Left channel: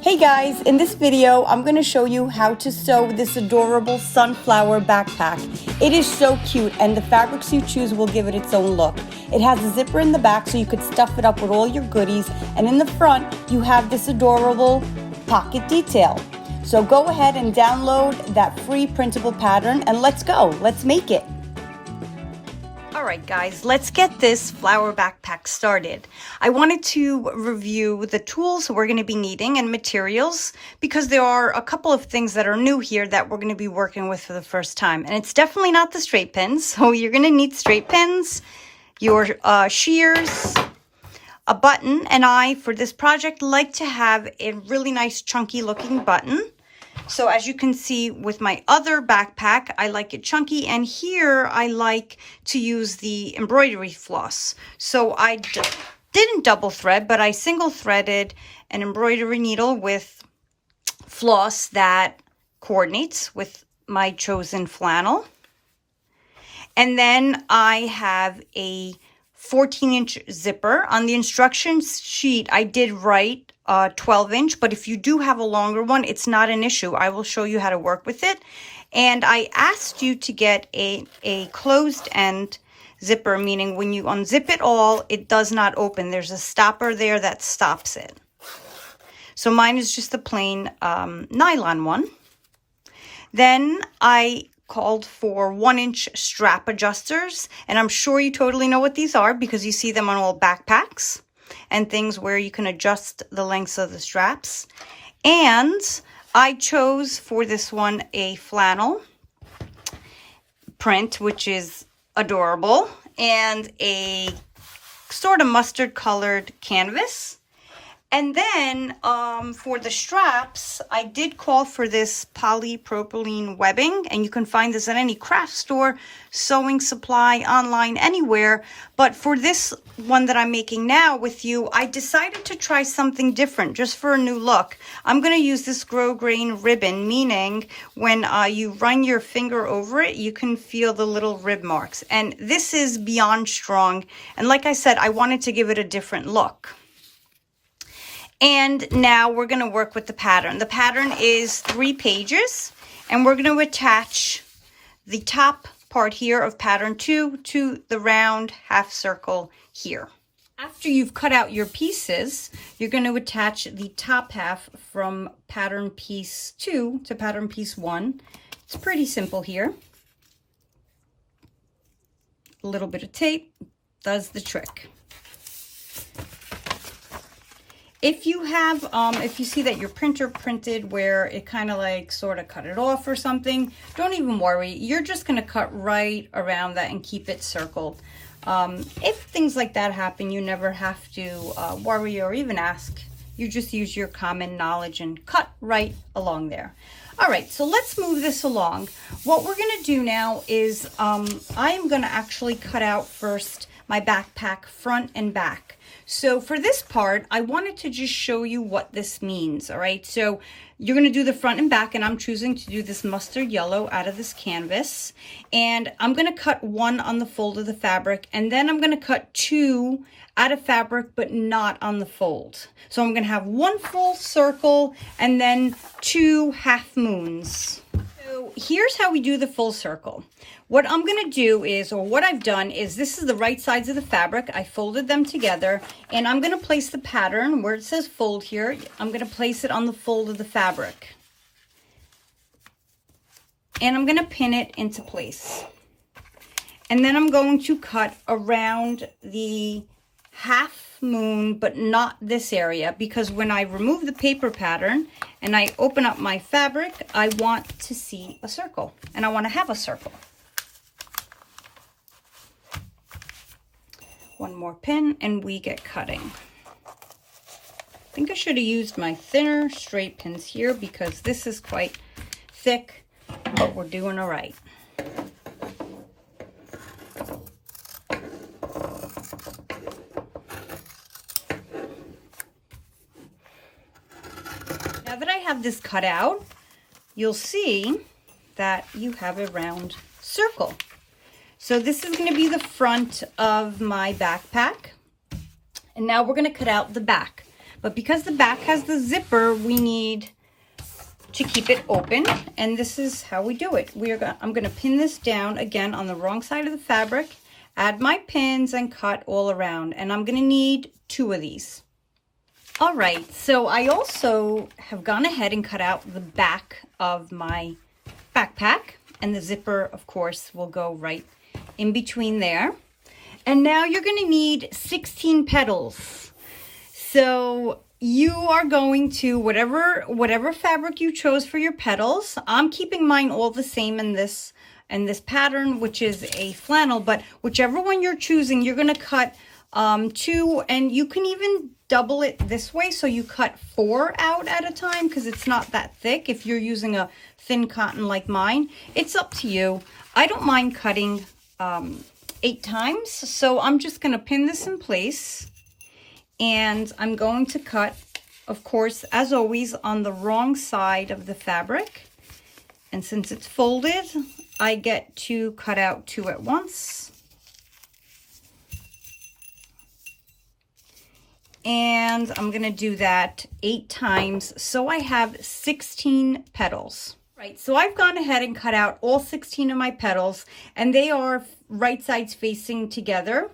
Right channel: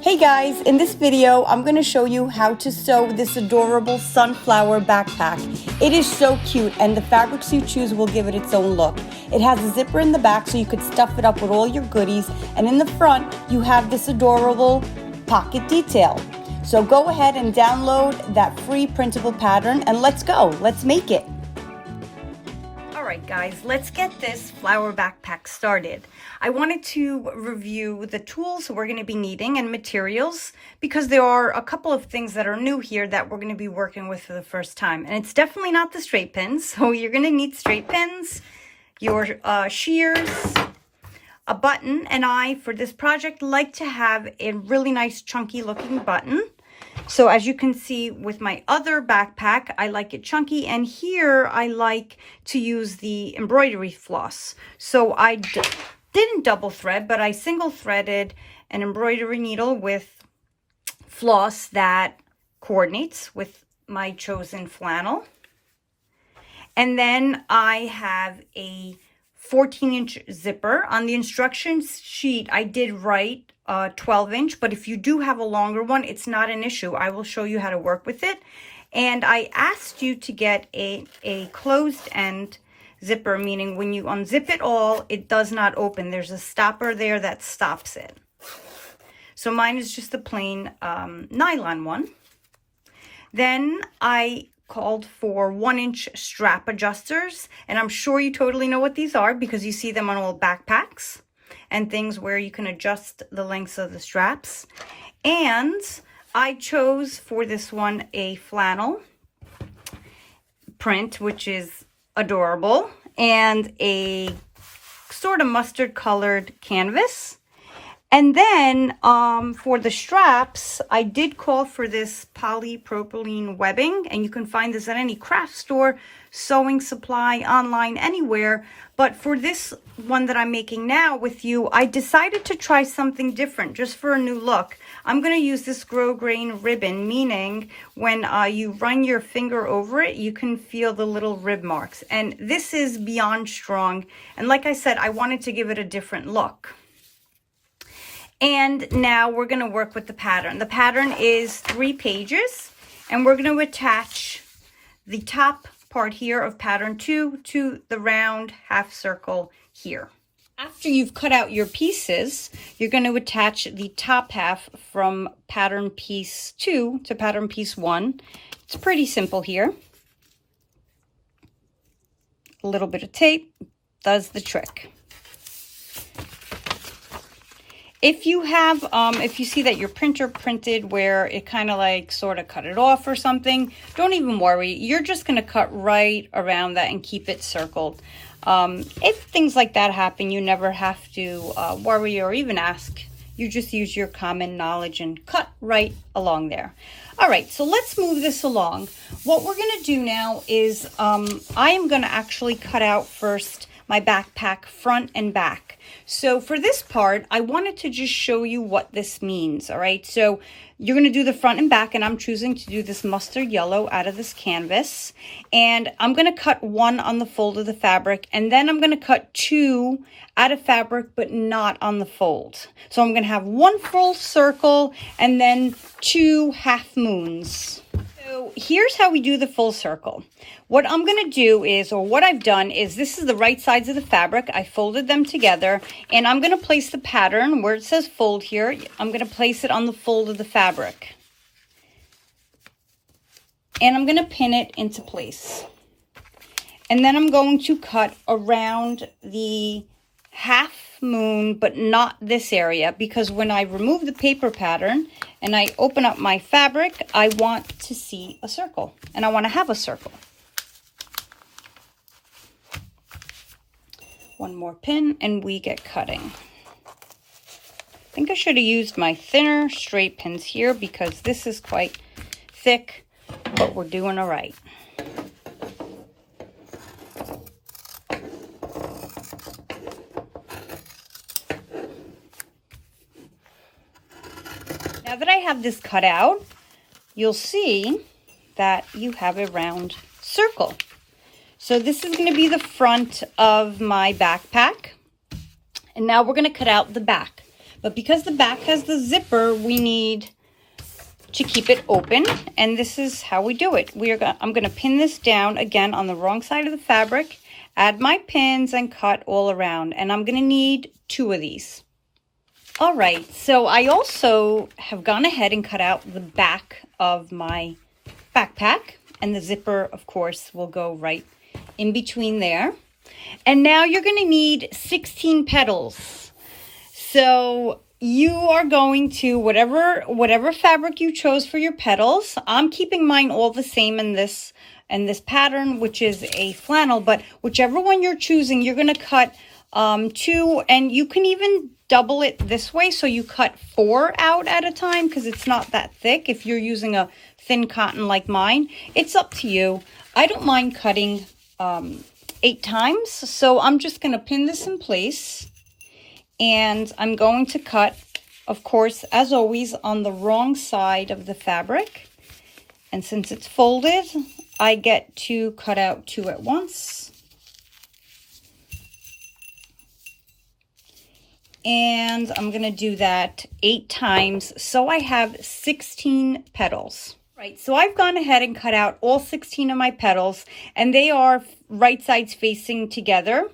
Hey guys, in this video, I'm going to show you how to sew this adorable sunflower backpack. It is so cute and the fabrics you choose will give it its own look. It has a zipper in the back so you could stuff it up with all your goodies, and in the front, you have this adorable pocket detail. So go ahead and download that free printable pattern and let's go. Let's make it. Alright guys, let's get this flower backpack started. I wanted to review the tools we're going to be needing and materials because there are a couple of things that are new here that we're going to be working with for the first time. And it's definitely not the straight pins, so you're going to need straight pins, your shears, a button, and I, for this project, like to have a really nice chunky looking button. So as you can see with my other backpack, I like it chunky, and here I like to use the embroidery floss. So I didn't double thread, but I single threaded an embroidery needle with floss that coordinates with my chosen flannel. And then I have a 14-inch zipper. On the instructions sheet, I did write 12-inch, but if you do have a longer one, it's not an issue. I will show you how to work with it. And I asked you to get a closed end zipper, meaning when you unzip it all, it does not open. There's a stopper there that stops it. So mine is just a plain nylon one. Then I called for 1-inch strap adjusters, and I'm sure you totally know what these are because you see them on all backpacks and things where you can adjust the lengths of the straps. And I chose for this one a flannel print, which is adorable, and a sort of mustard colored canvas. And then for the straps, I did call for this polypropylene webbing, and you can find this at any craft store, sewing supply, online, anywhere. But for this one that I'm making now with you, I decided to try something different just for a new look. I'm going to use this grosgrain ribbon, meaning when you run your finger over it, you can feel the little rib marks. And this is beyond strong. And like I said, I wanted to give it a different look. And now we're going to work with the pattern. The pattern is 3 pages, and we're going to attach the top part here of pattern 2 to the round half circle here. After you've cut out your pieces, you're going to attach the top half from pattern piece 2 to pattern piece 1. It's pretty simple here. A little bit of tape does the trick. If you have, if you see that your printer printed where it kind of like sort of cut it off or something, don't even worry. You're just going to cut right around that and keep it circled. If things like that happen, you never have to worry or even ask. You just use your common knowledge and cut right along there. All right, so let's move this along. What we're going to do now is I am going to actually cut out first my backpack front and back. So for this part, I wanted to just show you what this means, all right? So you're going to do the front and back, and I'm choosing to do this mustard yellow out of this canvas. And I'm going to cut 1 on the fold of the fabric, and then I'm going to cut 2 out of fabric, but not on the fold. So I'm going to have 1 full circle and then 2 half moons. So here's how we do the full circle. What I'm going to do is, or what I've done is, this is the right sides of the fabric. I folded them together, and I'm going to place the pattern where it says fold here. I'm going to place it on the fold of the fabric. And I'm going to pin it into place. And then I'm going to cut around the half moon, but not this area, because when I remove the paper pattern and I open up my fabric, I want to see a circle, and I want to have a circle. 1 more pin and we get cutting. I think I should have used my thinner straight pins here because this is quite thick, but we're doing all right. Now that I have this cut out, you'll see that you have a round circle. So this is going to be the front of my backpack. And now we're going to cut out the back. But because the back has the zipper, we need to keep it open, and this is how we do it. I'm going to pin this down again on the wrong side of the fabric, add my pins, and cut all around. And I'm going to need 2 of these. All right, so I also have gone ahead and cut out the back of my backpack, and the zipper, of course, will go right in between there. And now you're going to need 16 petals. So you are going to, whatever fabric you chose for your petals, I'm keeping mine all the same in this pattern, which is a flannel, but whichever one you're choosing, you're going to cut 2, and you can even double it this way, so you cut 4 out at a time, because it's not that thick. If you're using a thin cotton like mine, it's up to you. I don't mind cutting 8 times, so I'm just going to pin this in place, and I'm going to cut, of course, as always, on the wrong side of the fabric. And since it's folded, I get to cut out 2 at once. And I'm going to do that 8 times, so I have 16 petals. Right, so I've gone ahead and cut out all 16 of my petals, and they are right sides facing together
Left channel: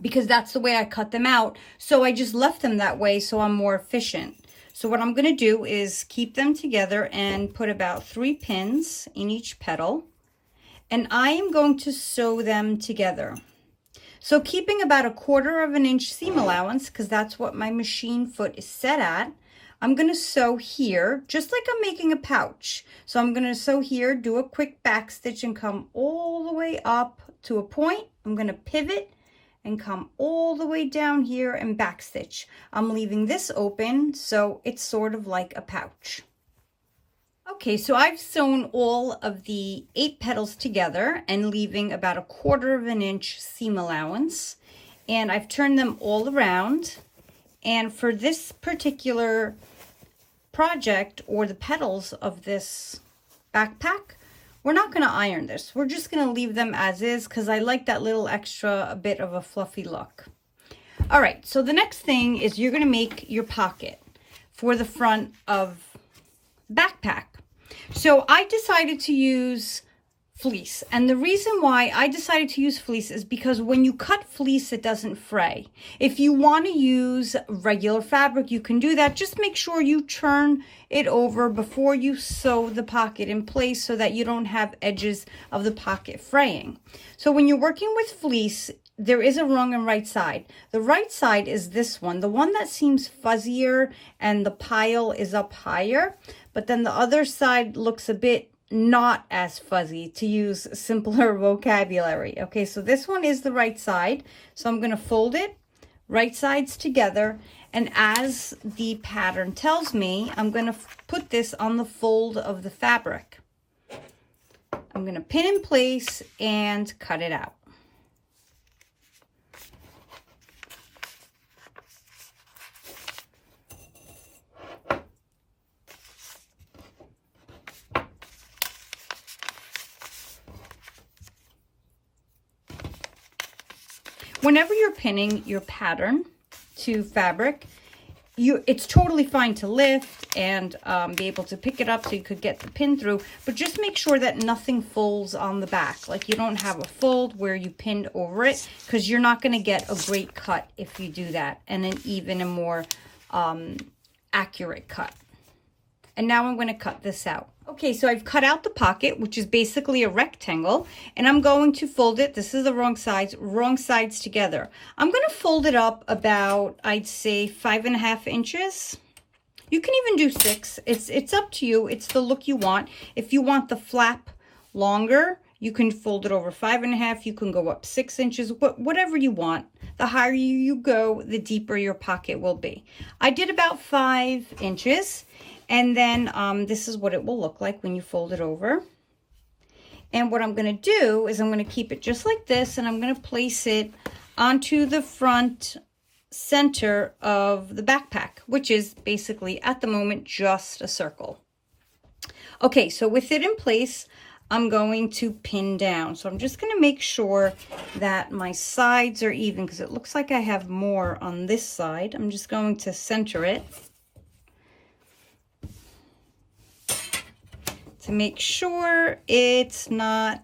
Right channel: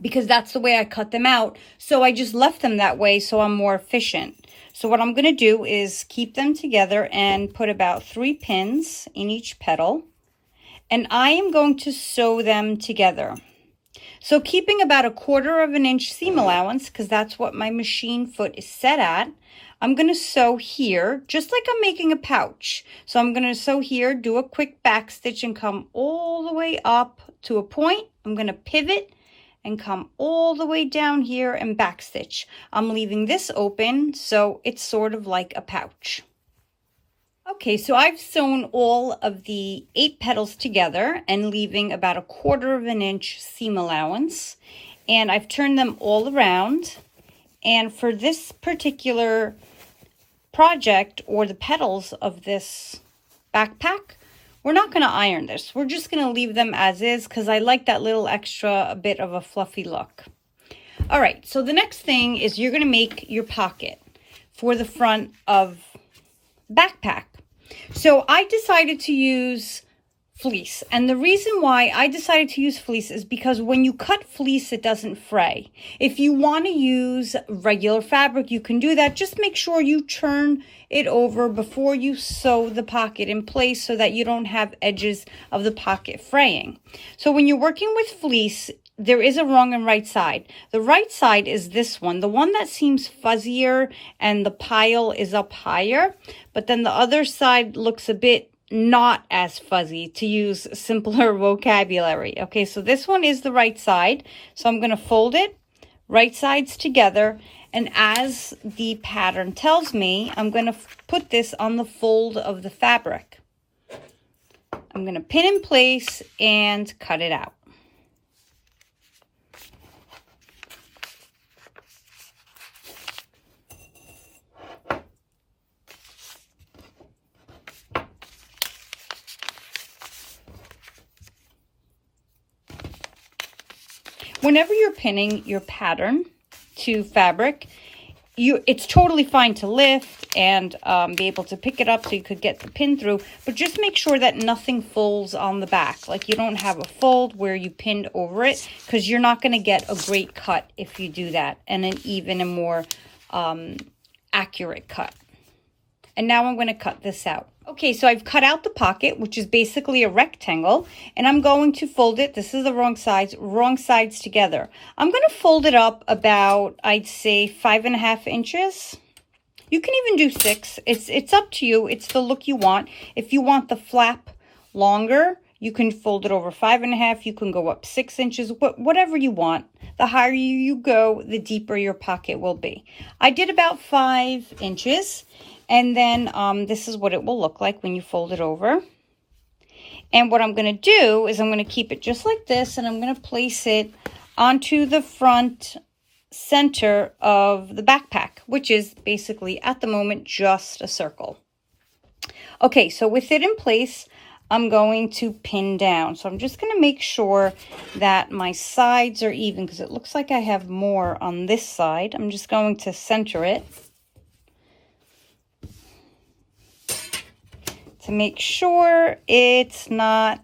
because that's the way I cut them out. So I just left them that way so I'm more efficient. So what I'm going to do is keep them together and put about 3 pins in each petal, and I am going to sew them together. So keeping about 1/4 inch seam allowance, because that's what my machine foot is set at, I'm going to sew here, just like I'm making a pouch. So I'm going to sew here, do a quick back stitch, and come all the way up to a point. I'm going to pivot and come all the way down here and back stitch. I'm leaving this open, so it's sort of like a pouch. Okay, so I've sewn all of the 8 petals together and leaving about 1/4 inch seam allowance. And I've turned them all around. And for this particular project, or the petals of this backpack, we're not going to iron this. We're just going to leave them as is because I like that little extra bit of a fluffy look. All right, so the next thing is you're going to make your pocket for the front of backpack. So I decided to use fleece, and the reason why I decided to use fleece is because when you cut fleece, it doesn't fray. If you want to use regular fabric, you can do that. Just make sure you turn it over before you sew the pocket in place so that you don't have edges of the pocket fraying. So when you're working with fleece, there is a wrong and right side. The right side is this one, the one that seems fuzzier and the pile is up higher, but then the other side looks a bit not as fuzzy, to use simpler vocabulary. Okay, so this one is the right side. So I'm going to fold it, right sides together, and as the pattern tells me, I'm going to put this on the fold of the fabric. I'm going to pin in place and cut it out. Whenever you're pinning your pattern to fabric, it's totally fine to lift and be able to pick it up so you could get the pin through, but just make sure that nothing folds on the back. Like you don't have a fold where you pinned over it, because you're not going to get a great cut if you do that, and an even and more accurate cut. And now I'm going to cut this out. Okay, so I've cut out the pocket, which is basically a rectangle, and I'm going to fold it. This is the wrong sides together. I'm going to fold it up about, I'd say, 5.5 inches. You can even do 6. It's up to you. It's the look you want. If you want the flap longer, you can fold it over 5.5. You can go up 6 inches, whatever you want. The higher you go, the deeper your pocket will be. I did about 5 inches. And then this is what it will look like when you fold it over. And what I'm going to do is I'm going to keep it just like this, and I'm going to place it onto the front center of the backpack, which is basically at the moment just a circle. Okay, so with it in place, I'm going to pin down. So I'm just going to make sure that my sides are even because it looks like I have more on this side. I'm just going to center it to make sure it's not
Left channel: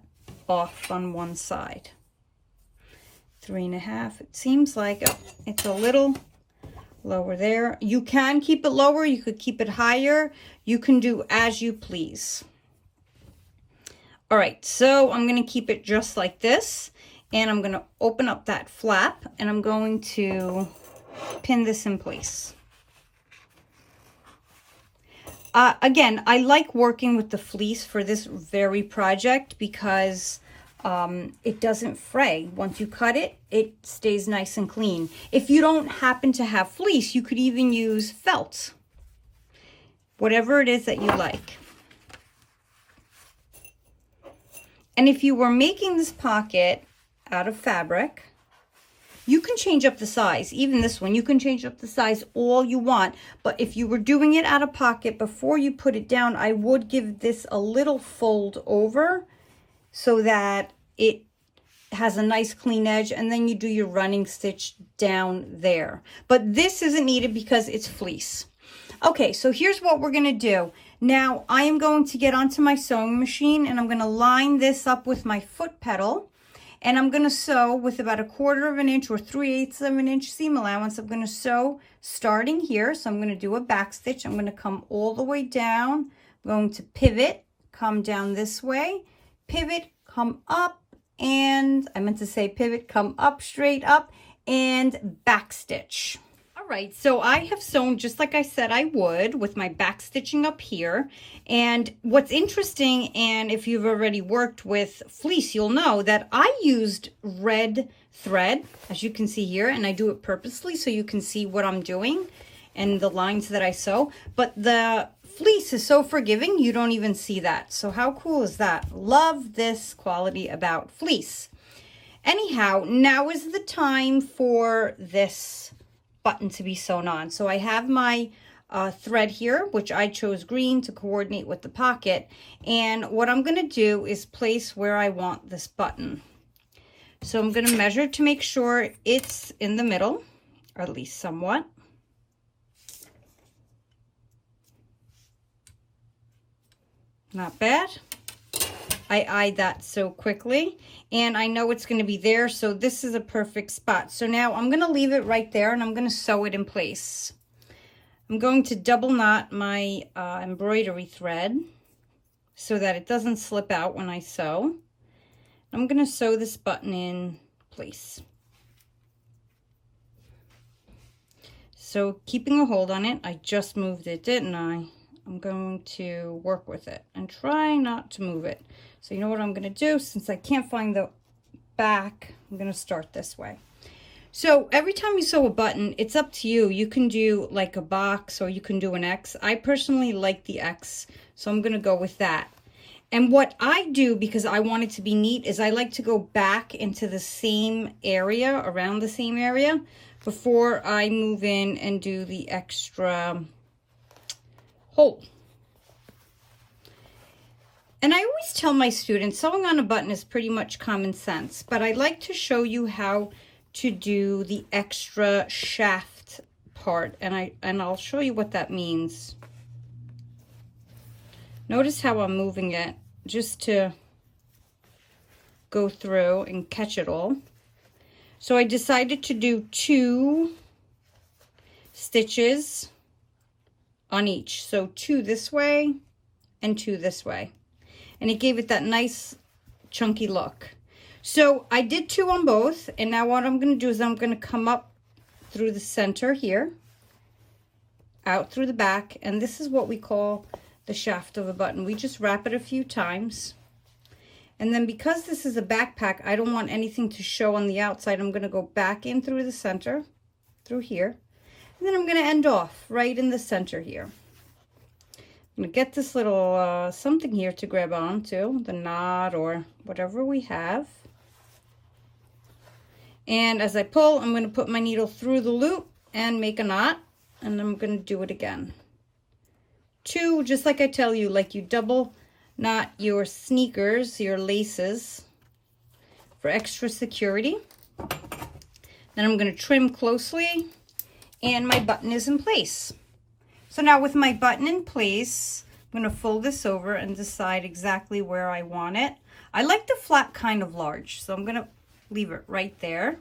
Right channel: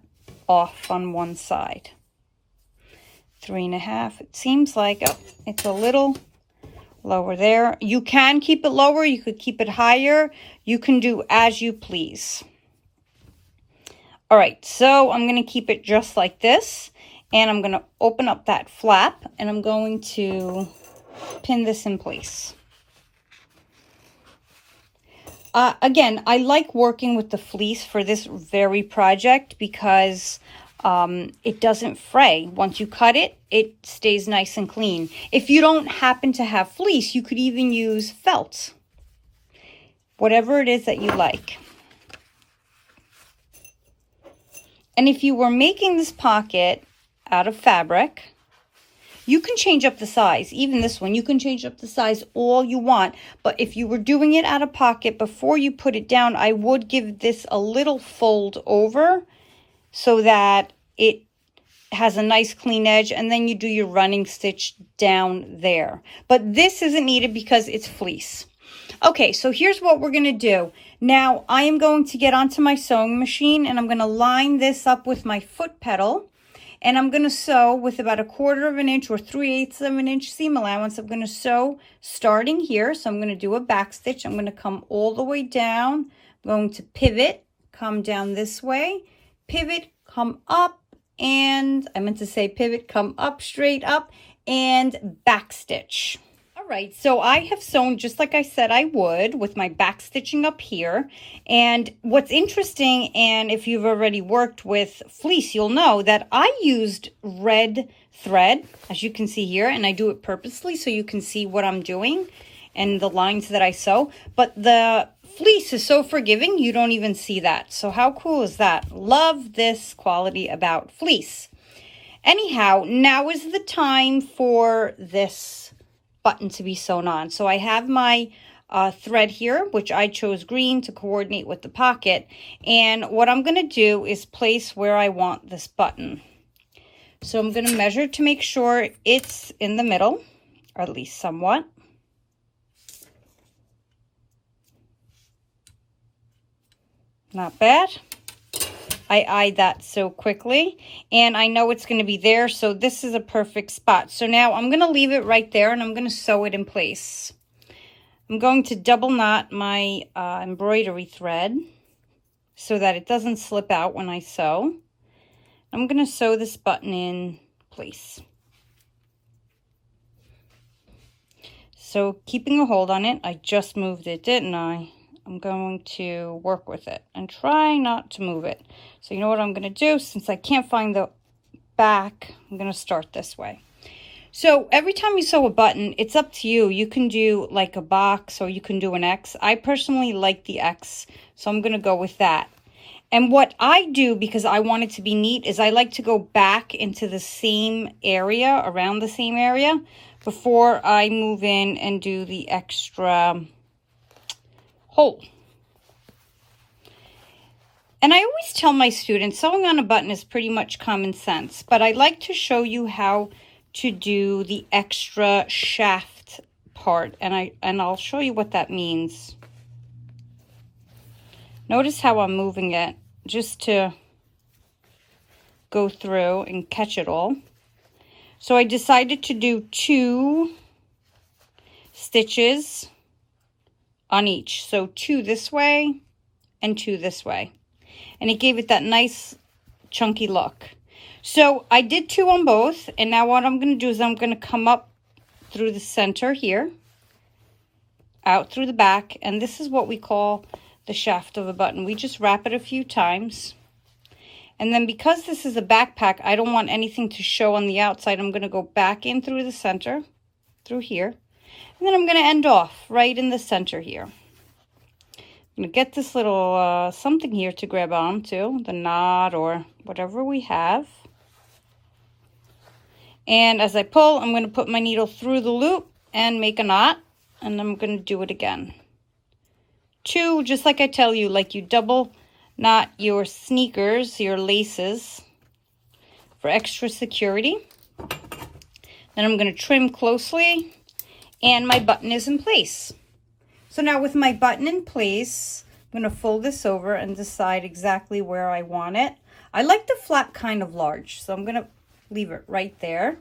off on one side. 3.5. It seems like it's a little lower there. You can keep it lower. You could keep it higher. You can do as you please. All right, so I'm going to keep it just like this. And I'm going to open up that flap. And I'm going to pin this in place. Again, I like working with the fleece for this very project because it doesn't fray. Once you cut it, it stays nice and clean. If you don't happen to have fleece, you could even use felt. Whatever it is that you like. And if you were making this pocket out of fabric, you can change up the size. Even this one, you can change up the size all you want. But if you were doing it out of pocket, before you put it down, I would give this a little fold over so that it has a nice clean edge, and then you do your running stitch down there. But this isn't needed because it's fleece. Okay, so here's what we're going to do. Now, I am going to get onto my sewing machine, and I'm going to line this up with my foot pedal, and I'm going to sew with about 1/4 of an inch or 3/8 of an inch seam allowance. I'm going to sew starting here, so I'm going to do a back stitch. I'm going to come all the way down. I'm going to pivot, come down this way, pivot, come up, and I meant to say pivot, come up, straight up, and back stitch. All right, so I have sewn just like I said I would with my back stitching up here. And what's interesting, and if you've already worked with fleece, you'll know that I used red thread, as you can see here, and I do it purposely so you can see what I'm doing and the lines that I sew. But the fleece is so forgiving, you don't even see that. So how cool is that? Love this quality about fleece. Anyhow, now is the time for this button to be sewn on. So I have my thread here, which I chose green to coordinate with the pocket. And what I'm going to do is place where I want this button. So I'm going to measure to make sure it's in the middle, or at least somewhat. Not bad. I eyed that so quickly, and I know it's going to be there, so this is a perfect spot. So now I'm going to leave it right there, and I'm going to sew it in place. I'm going to double knot my embroidery thread so that it doesn't slip out when I sew. I'm going to sew this button in place. So keeping a hold on it, I just moved it, didn't I? I'm going to work with it and try not to move it. So you know what I'm going to do? Since I can't find the back, I'm going to start this way. So every time you sew a button, it's up to you. You can do like a box or you can do an X. I personally like the X, so I'm going to go with that. And what I do, because I want it to be neat, is I like to go back into the same area, around the same area, before I move in and do the extra hole. And I always tell my students sewing on a button is pretty much common sense, but I like to show you how to do the extra shaft part, and I'll show you what that means. Notice how I'm moving it just to go through and catch it all. So I decided to do 2 stitches on each. So 2 this way and 2 this way. And it gave it that nice chunky look. So I did 2 on both. And now what I'm going to do is I'm going to come up through the center here, out through the back. And this is what we call the shaft of a button. We just wrap it a few times. And then because this is a backpack, I don't want anything to show on the outside. I'm going to go back in through the center, through here. And then I'm going to end off right in the center here. I'm going to get this little something here to grab onto, the knot or whatever we have. And as I pull, I'm going to put my needle through the loop and make a knot. And I'm going to do it again. 2, just like I tell you, like you double not your sneakers, your laces, for extra security. Then I'm going to trim closely, and my button is in place. So now with my button in place, I'm going to fold this over and decide exactly where I want it. I like the flap kind of large, so I'm going to leave it right there.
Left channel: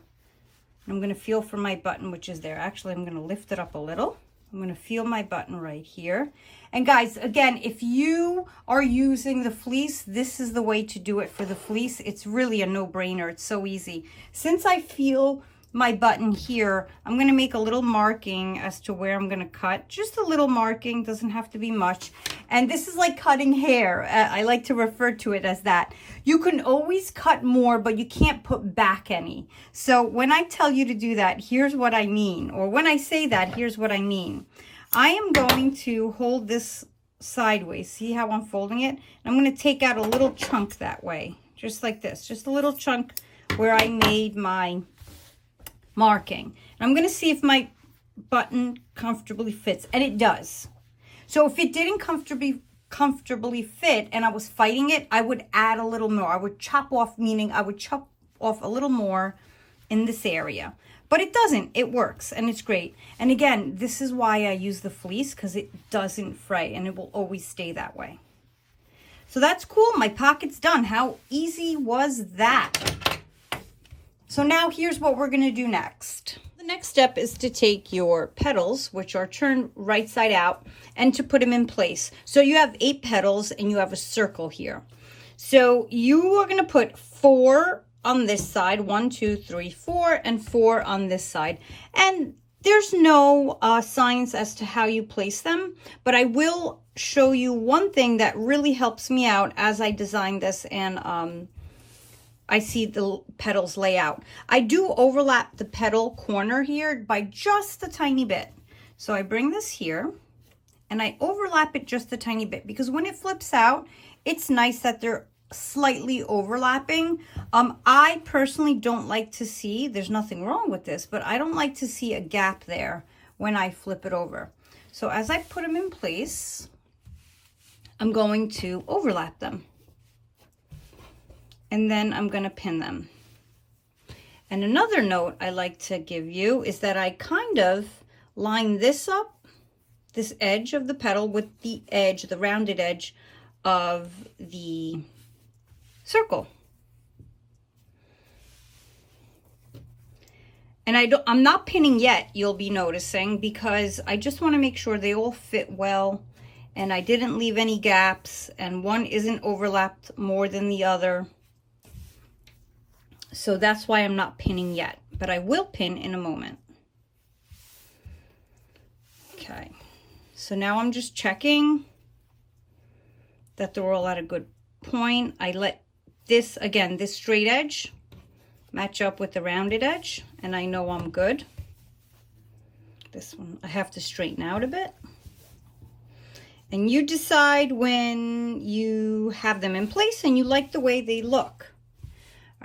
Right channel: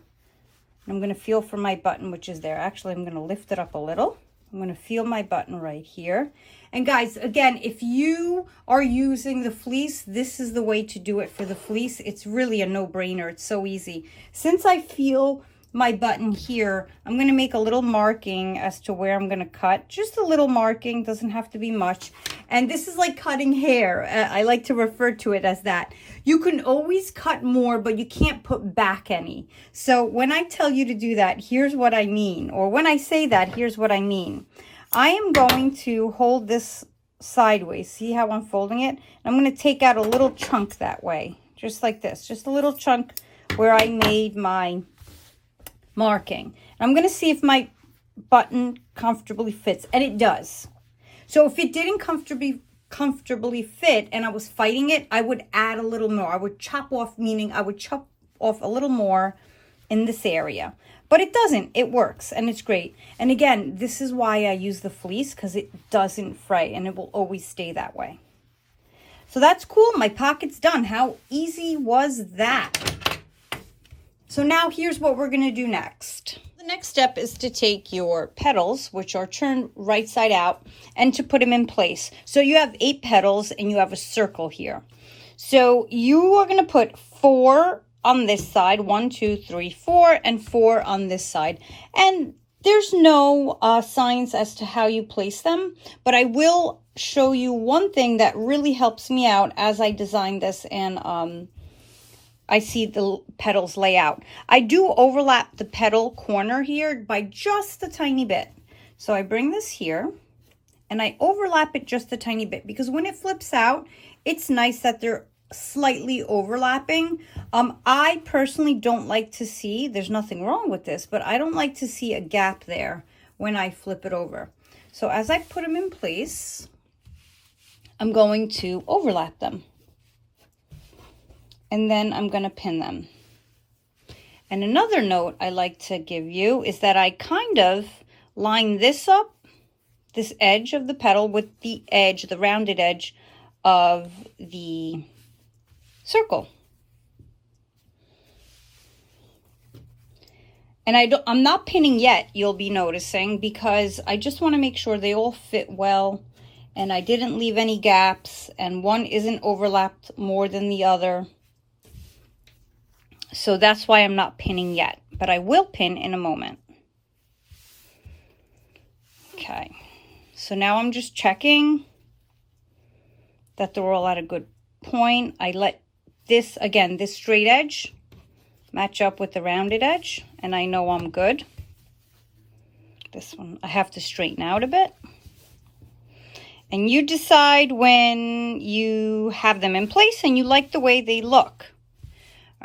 I'm going to feel for my button, which is there. Actually, I'm going to lift it up a little. I'm going to feel my button right here. And guys, again, if you are using the fleece, this is the way to do it for the fleece. It's really a no-brainer. It's so easy. Since I feel my button here, I'm going to make a little marking as to where I'm going to cut. Just a little marking, doesn't have to be much. And this is like cutting hair. I like to refer to it as that. You can always cut more, but you can't put back any. So when I tell you to do that, here's what I mean. Or when I say that, here's what I mean. I am going to hold this sideways. See how I'm folding it? I'm going to take out a little chunk that way, just like this. Just a little chunk where I made my marking. I'm going to see if my button comfortably fits, and it does. So if it didn't comfortably fit and I was fighting it, I would add a little more. I would chop off, meaning I would chop off a little more in this area. But it doesn't. It works, and it's great. And again, this is why I use the fleece, because it doesn't fray, and it will always stay that way. So that's cool. My pocket's done. How easy was that? So now here's what we're going to do next. The next step is to take your petals, which are turned right side out, and to put them in place. So you have 8 petals and you have a circle here. So you are going to put 4 on this side, 1, 2, 3, 4, and 4 on this side. And there's no signs as to how you place them, but I will show you one thing that really helps me out as I design this and I see the petals lay out. I do overlap the petal corner here by just a tiny bit. So I bring this here and I overlap it just a tiny bit, because when it flips out, it's nice that they're slightly overlapping. I personally don't like to see, there's nothing wrong with this, but I don't like to see a gap there when I flip it over. So as I put them in place, I'm going to overlap them. And then I'm going to pin them. And another note I like to give you is that I kind of line this up, this edge of the petal, with the edge, the rounded edge of the circle. And I'm not pinning yet, you'll be noticing, because I just want to make sure they all fit well and I didn't leave any gaps and one isn't overlapped more than the other. So that's why I'm not pinning yet, but I will pin in a moment. Okay, so now I'm just checking that they're all at a good point. I let this, again, this straight edge match up with the rounded edge, and I know I'm good. This one, I have to straighten out a bit. And you decide when you have them in place and you like the way they look.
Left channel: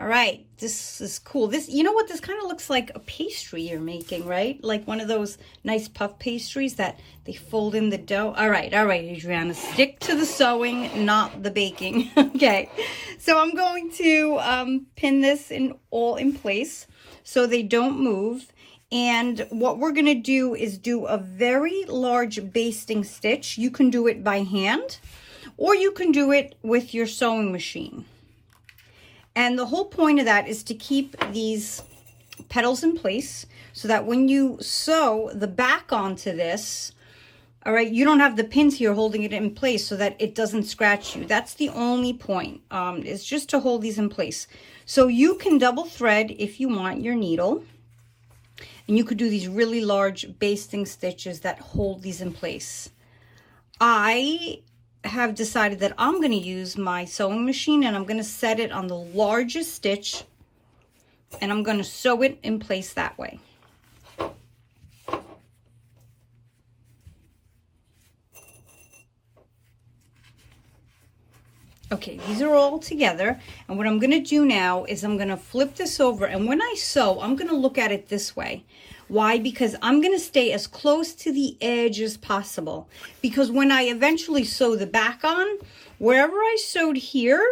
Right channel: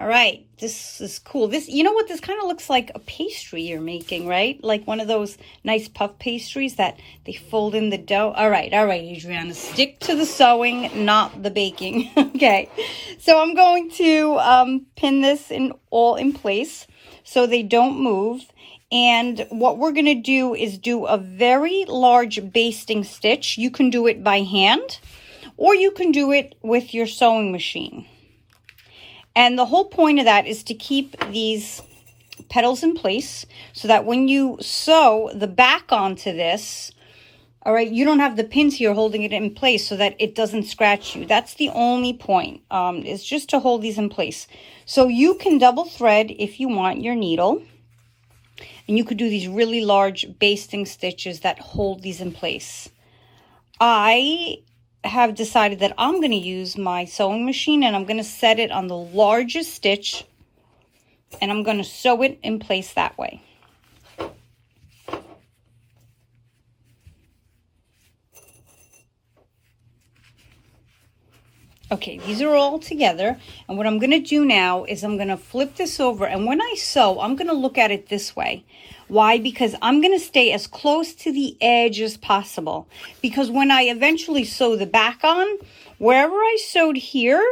All right, this is cool. This, you know what, this kind of looks like a pastry you're making, right? Like one of those nice puff pastries that they fold in the dough. All right, Adriana, stick to the sewing, not the baking. Okay, so I'm going to pin this all in place so they don't move. And what we're gonna do is do a very large basting stitch. You can do it by hand, or you can do it with your sewing machine. And the whole point of that is to keep these petals in place so that when you sew the back onto this, all right, you don't have the pins here holding it in place so that it doesn't scratch you. That's the only point, is just to hold these in place. So you can double thread if you want your needle. And you could do these really large basting stitches that hold these in place. I have decided that I'm going to use my sewing machine and I'm going to set it on the largest stitch and I'm going to sew it in place that way. Okay, these are all together, and what I'm going to do now is I'm going to flip this over, and when I sew, I'm going to look at it this way. Why? Because I'm going to stay as close to the edge as possible. Because when I eventually sew the back on, wherever I sewed here,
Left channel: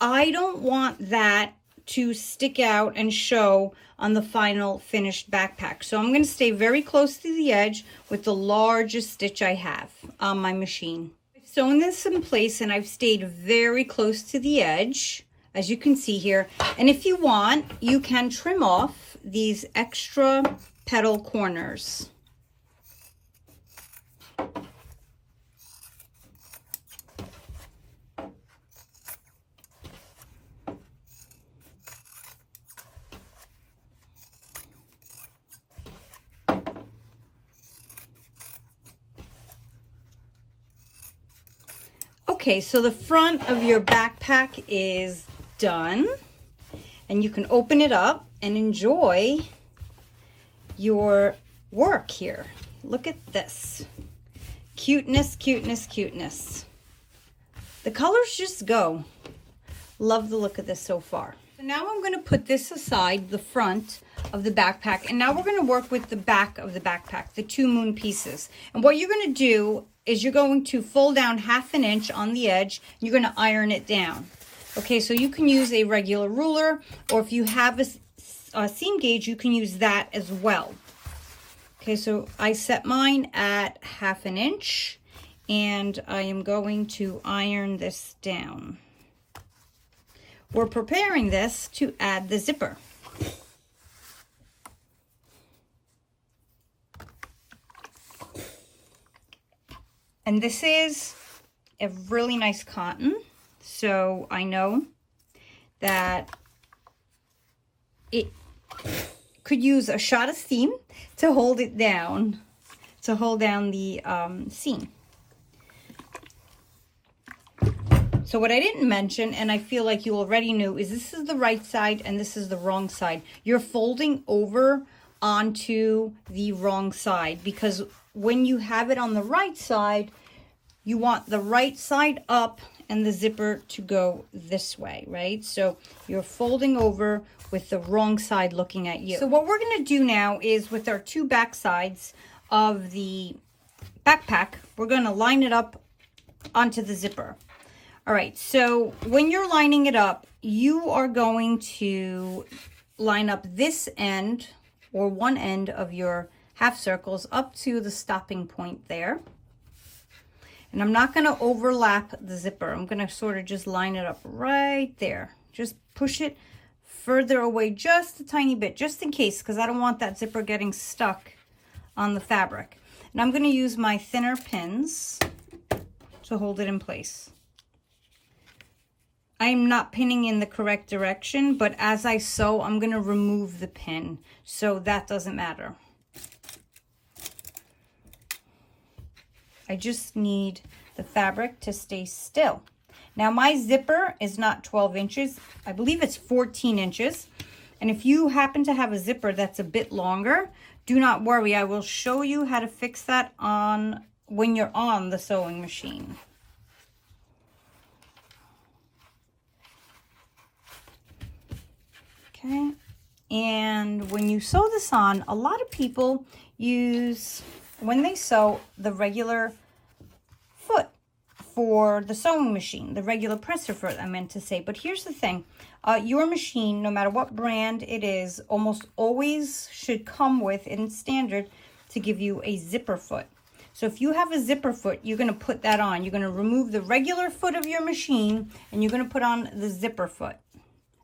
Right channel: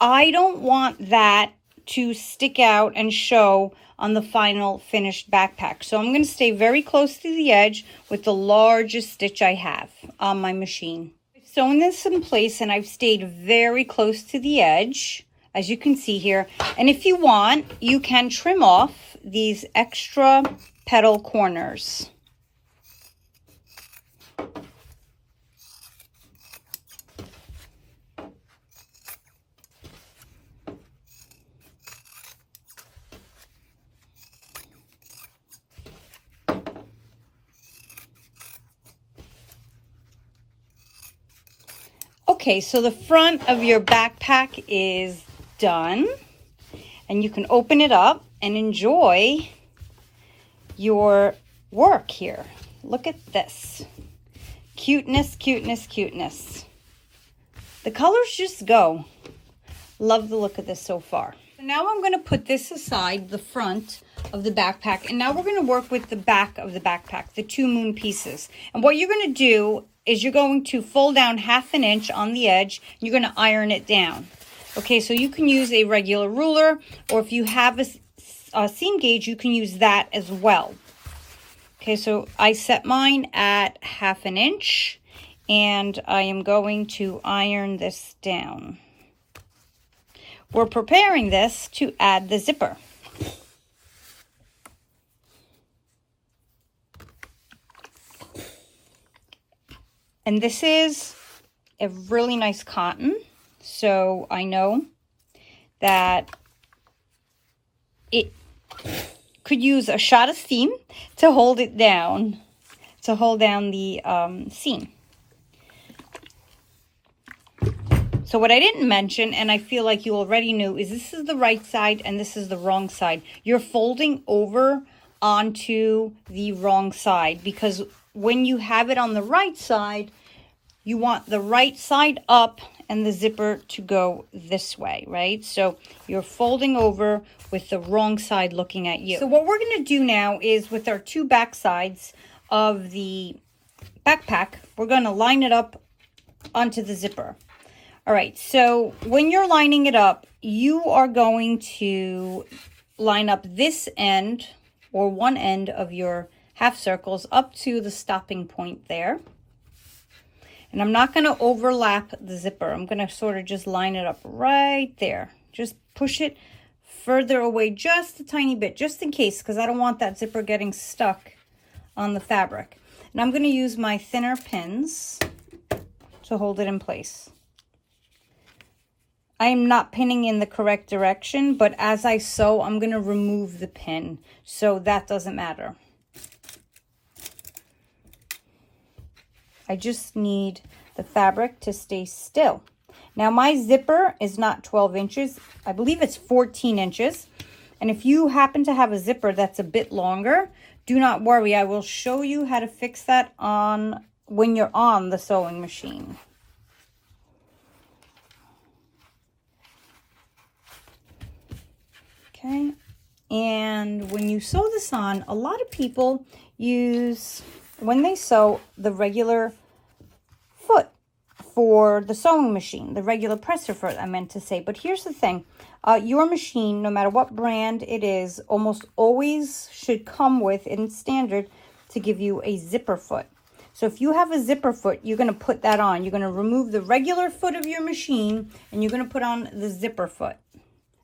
I don't want that to stick out and show on the final finished backpack. So I'm going to stay very close to the edge with the largest stitch I have on my machine. I've sewn this in place and I've stayed very close to the edge, as you can see here. And if you want, you can trim off these extra petal corners. Okay, so the front of your backpack is done, and you can open it up and enjoy your work here. Look at this. Cuteness, cuteness, cuteness. The colors just go. Love the look of this so far. So now I'm going to put this aside, the front of the backpack, and now we're going to work with the back of the backpack, the 2 moon pieces. And what you're going to do is you're going to fold down 1/2 inch on the edge. You're going to iron it down. Okay, so you can use a regular ruler, or if you have a seam gauge, you can use that as well. Okay, so I set mine at 1/2 inch, and I am going to iron this down. We're preparing this to add the zipper. And this is a really nice cotton, so I know that it could use a shot of steam to hold it down, to hold down the seam. So what I didn't mention, and I feel like you already knew, is this is the right side and this is the wrong side. You're folding over onto the wrong side, because when you have it on the right side, you want the right side up and the zipper to go this way, right? So you're folding over with the wrong side looking at you. So what we're going to do now is, with our 2 back sides of the backpack, we're going to line it up onto the zipper. All right, so when you're lining it up, you are going to line up this end, or one end of your half circles, up to the stopping point there. And I'm not going to overlap the zipper. I'm going to sort of just line it up right there. Just push it further away just a tiny bit, just in case, because I don't want that zipper getting stuck on the fabric. And I'm going to use my thinner pins to hold it in place. I am not pinning in the correct direction, but as I sew, I'm going to remove the pin, so that doesn't matter. I just need the fabric to stay still. Now my zipper is not 12 inches. I believe it's 14 inches. And if you happen to have a zipper that's a bit longer, do not worry. I will show you how to fix that on when you're on the sewing machine. Okay. And when you sew this on, a lot of people use, when they sew, the regular foot for the sewing machine, the regular presser foot, I meant to say. But here's the thing, your machine, no matter what brand it is, almost always should come with, in standard, to give you a zipper foot. So if you have a zipper foot, you're going to put that on. You're going to remove the regular foot of your machine, and you're going to put on the zipper foot.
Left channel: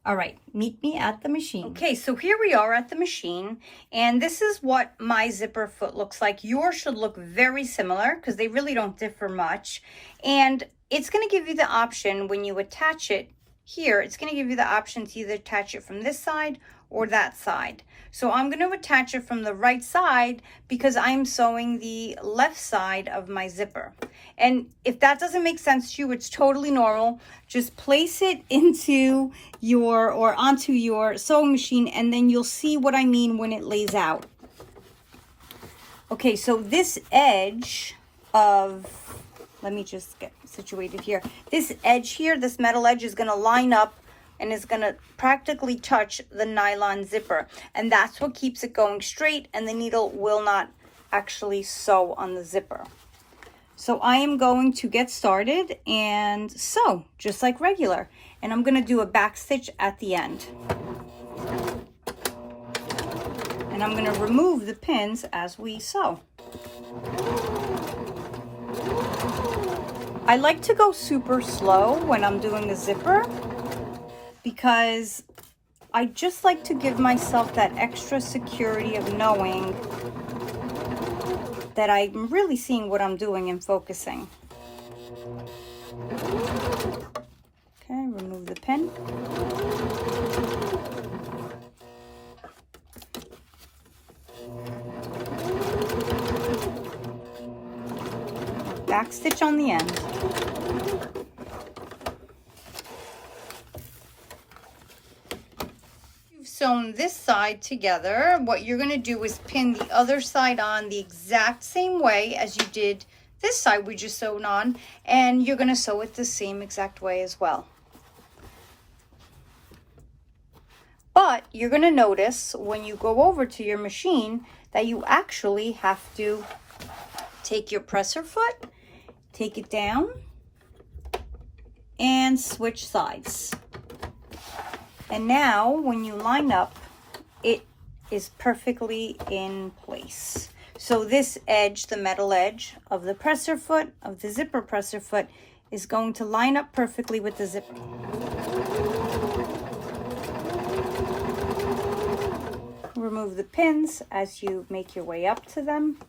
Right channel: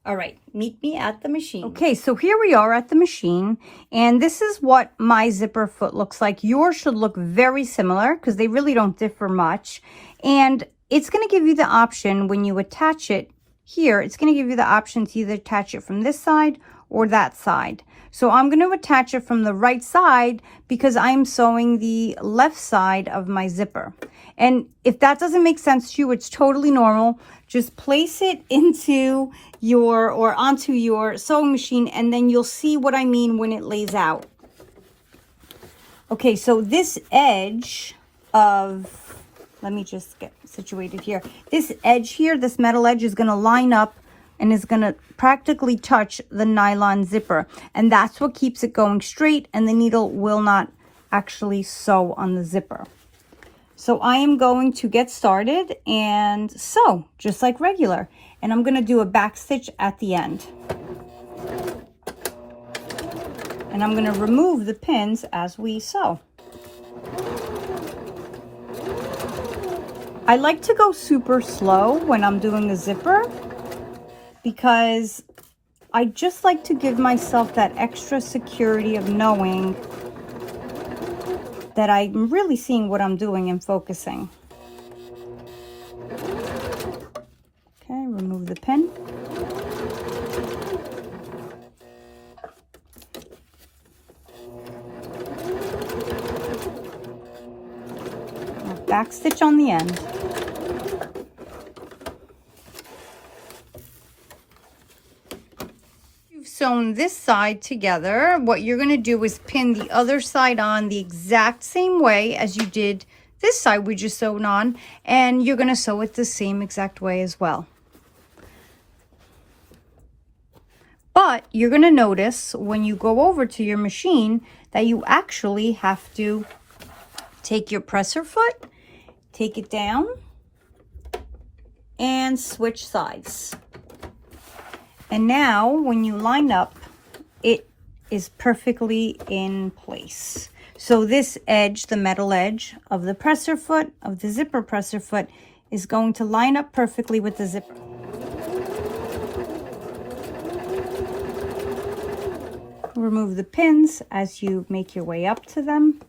All right, meet me at the machine. Okay, so here we are at the machine, and this is what my zipper foot looks like. Yours should look very similar, because they really don't differ much. And it's going to give you the option when you attach it here, it's going to give you the option to either attach it from this side or that side. So I'm going to attach it from the right side because I'm sewing the left side of my zipper. And if that doesn't make sense to you, it's totally normal. Just place it into your, or onto your sewing machine, and then you'll see what I mean when it lays out. Okay, so this edge of, let me just get situated here. This edge here, this metal edge, is going to line up and is going to practically touch the nylon zipper. And that's what keeps it going straight, and the needle will not actually sew on the zipper. So I am going to get started and sew just like regular. And I'm going to do a back stitch at the end. And I'm going to remove the pins as we sew. I like to go super slow when I'm doing the zipper because I just like to give myself that extra security of knowing that I'm really seeing what I'm doing and focusing. Okay, remove the pin. Back stitch on the end. You've sewn this side together. What you're going to do is pin the other side on the exact same way as you did this side we just sewed on, and you're going to sew it the same exact way as well. But you're going to notice when you go over to your machine that you actually have to take your presser foot, take it down, and switch sides. And now when you line up, it is perfectly in place. So this edge, the metal edge of the presser foot, of the zipper presser foot, is going to line up perfectly with the zipper. Remove the pins as you make your way up to them.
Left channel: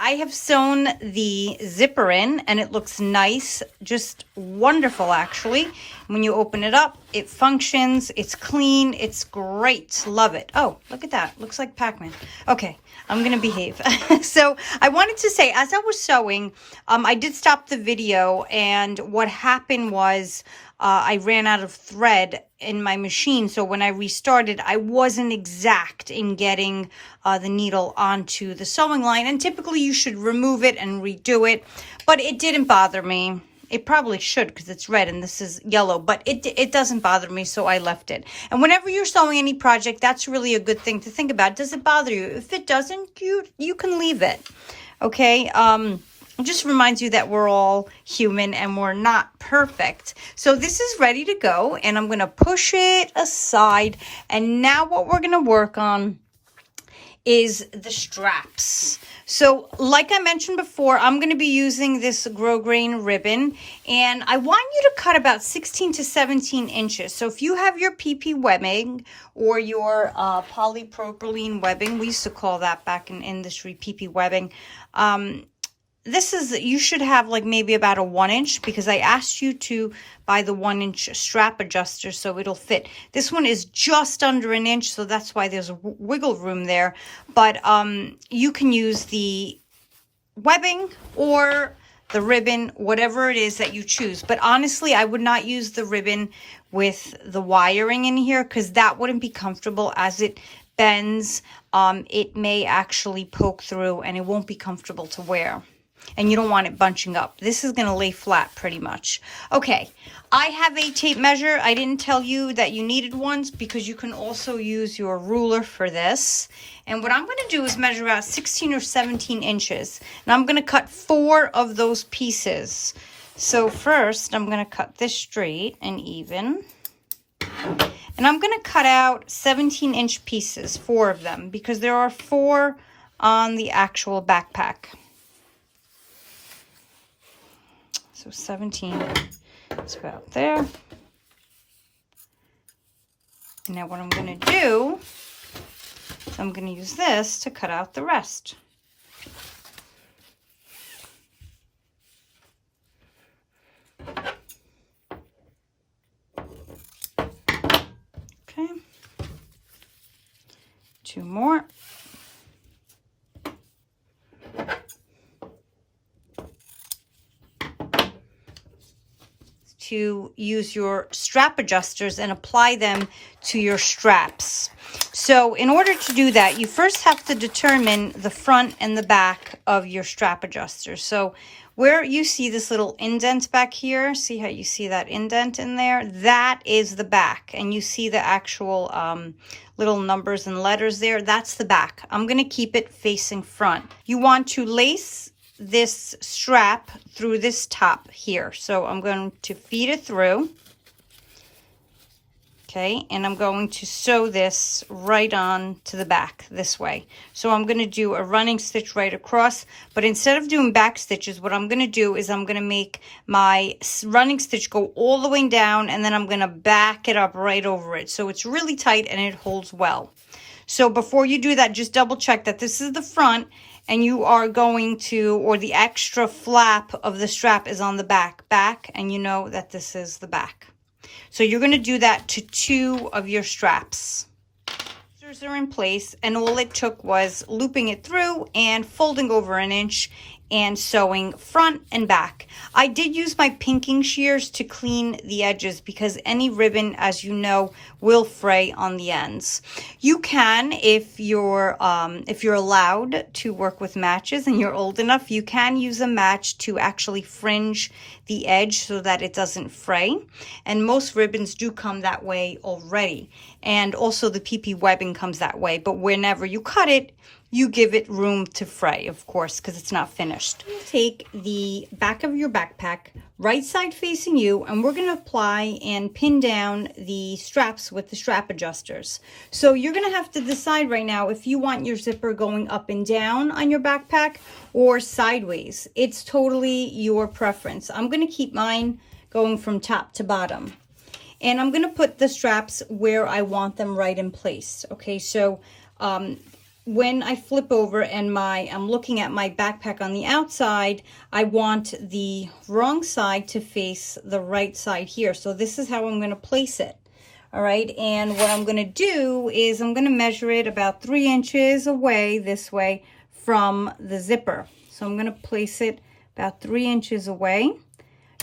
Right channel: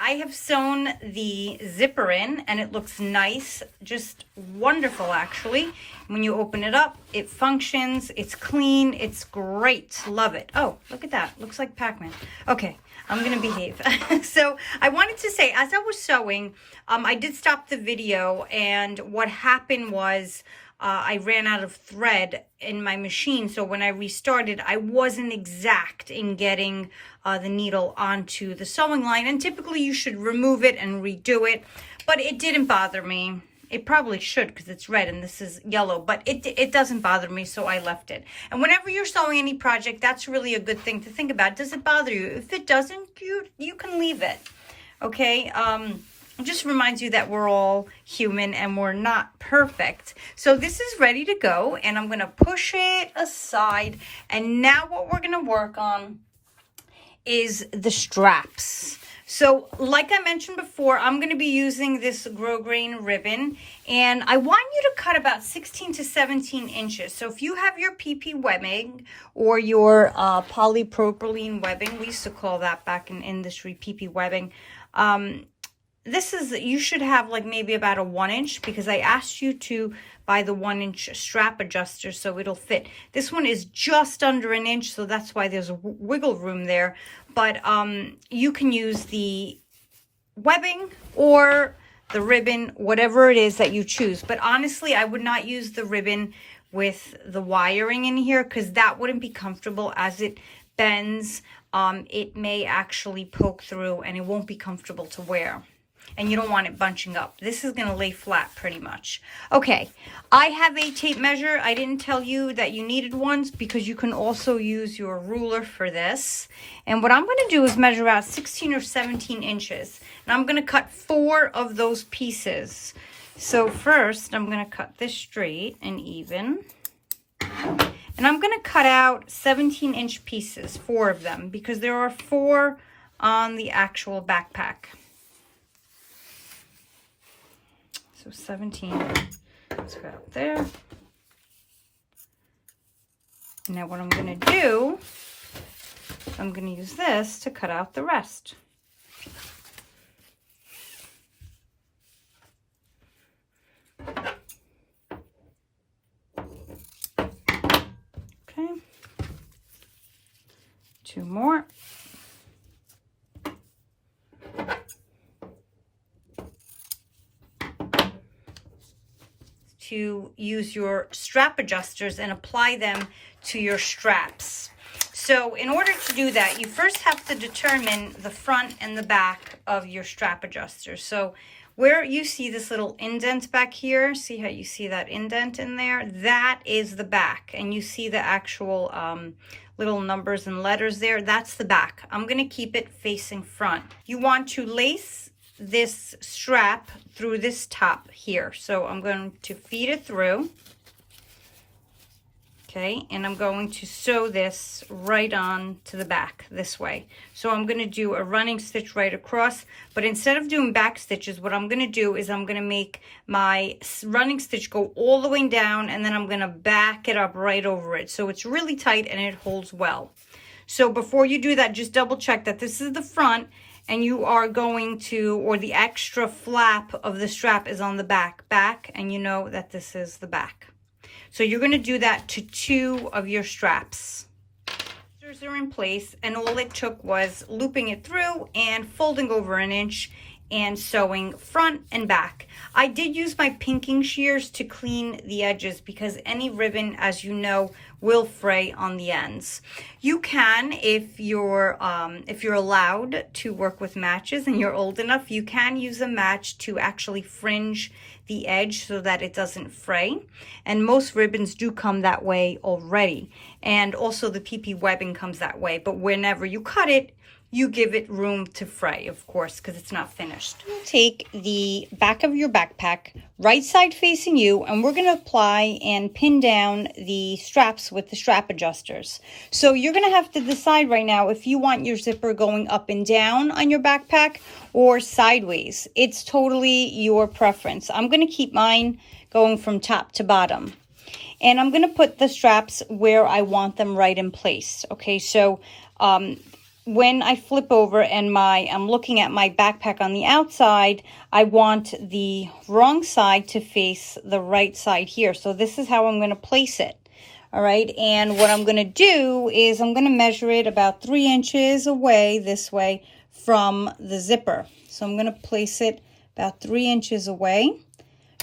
I have sewn the zipper in and it looks nice, just wonderful actually. When you open it up, it functions, it's clean, it's great, love it. Oh, look at that, looks like Pac-Man. Okay, I'm gonna behave. So I wanted to say, as I was sewing, I did stop the video, and what happened was I ran out of thread in my machine. So when I restarted, I wasn't exact in getting the needle onto the sewing line. And typically you should remove it and redo it, but it didn't bother me. It probably should because it's red and this is yellow, but it doesn't bother me, so I left it. And whenever you're sewing any project, that's really a good thing to think about. Does it bother you? If it doesn't, you can leave it. Okay? It just reminds you that we're all human and we're not perfect. So this is ready to go, and I'm going to push it aside. And now what we're going to work on is the straps. So like I mentioned before, I'm going to be using this grosgrain ribbon, and I want you to cut about 16 to 17 inches. So if you have your PP webbing or your polypropylene webbing, we used to call that back in industry PP webbing, this is, you should have like maybe about a 1 inch, because I asked you to buy the 1 inch strap adjuster so it'll fit. This one is just under an inch, so that's why there's a wiggle room there. But you can use the webbing or the ribbon, whatever it is that you choose. But honestly, I would not use the ribbon with the wiring in here, because that wouldn't be comfortable. As it bends, it may actually poke through and it won't be comfortable to wear. And you don't want it bunching up. This is going to lay flat pretty much. Okay, I have a tape measure. I didn't tell you that you needed ones, because you can also use your ruler for this. And what I'm going to do is measure out 16 or 17 inches. And I'm going to cut 4 of those pieces. So first, I'm going to cut this straight and even. And I'm going to cut out 17-inch pieces, 4 of them, because there are 4 on the actual backpack. So 17 is about there. And now what I'm going to do, I'm going to use this to cut out the rest. 2 more. To use your strap adjusters and apply them to your straps. So in order to do that, you first have to determine the front and the back of your strap adjusters. So where you see this little indent back here, see how you see that indent in there? That is the back. And you see the actual little numbers and letters there. That's the back. I'm going to keep it facing front. You want to lace this strap through this top here. So I'm going to feed it through. Okay, and I'm going to sew this right on to the back this way. So I'm going to do a running stitch right across, but instead of doing back stitches, what I'm going to do is I'm going to make my running stitch go all the way down, and then I'm going to back it up right over it. So it's really tight and it holds well. So before you do that, just double check that this is the front, and you are going to, or the extra flap of the strap is on the back, and you know that this is the back. So you're going to do that to 2 of your straps. These are in place, and all it took was looping it through and folding over 1 inch and sewing front and back. I did use my pinking shears to clean the edges because any ribbon, as you know, will fray on the ends. You can, if you're allowed to work with matches and you're old enough, you can use a match to actually fringe the edge so that it doesn't fray. And most ribbons do come that way already. And also the PP webbing comes that way. But whenever you cut it, you give it room to fray, of course, because it's not finished. Take the back of your backpack, right side facing you, and we're going to apply and pin down the straps with the strap adjusters. So you're going to have to decide right now if you want your zipper going up and down on your backpack or sideways. It's totally your preference. I'm going to keep mine going from top to bottom. And I'm going to put the straps where I want them right in place. Okay, so when I flip over and I'm looking at my backpack on the outside, I want the wrong side to face the right side here. So this is how I'm going to place it. All right, and what I'm going to do is I'm going to measure it about 3 inches away this way from the zipper. So I'm going to place it about 3 inches away.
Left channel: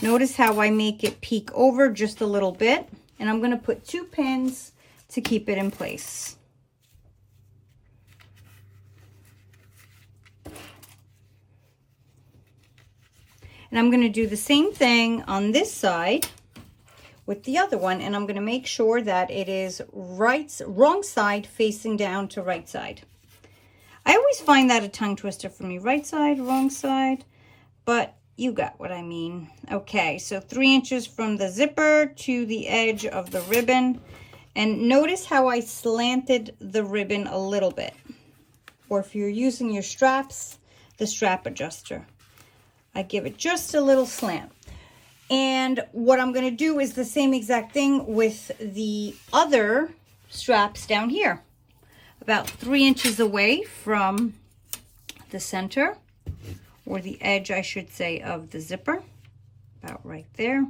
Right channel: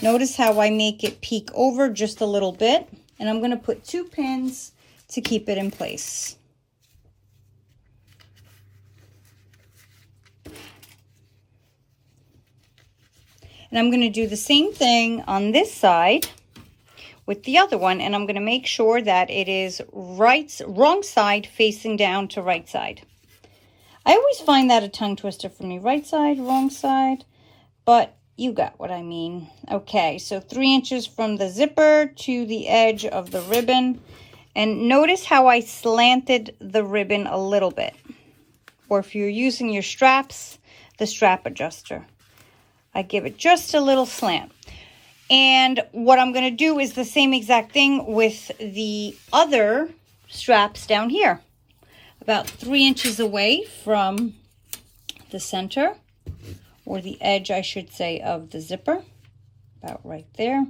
Notice how I make it peek over just a little bit, and I'm going to put 2 pins to keep it in place. And I'm going to do the same thing on this side with the other one, and I'm going to make sure that it is wrong side facing down to right side. I always find that a tongue twister for me, right side, wrong side, but you got what I mean. Okay, so 3 inches from the zipper to the edge of the ribbon, and notice how I slanted the ribbon a little bit, or if you're using your straps, the strap adjuster. I give it just a little slant. And what I'm going to do is the same exact thing with the other straps down here. About 3 inches away from the center, or the edge, I should say, of the zipper. About right there.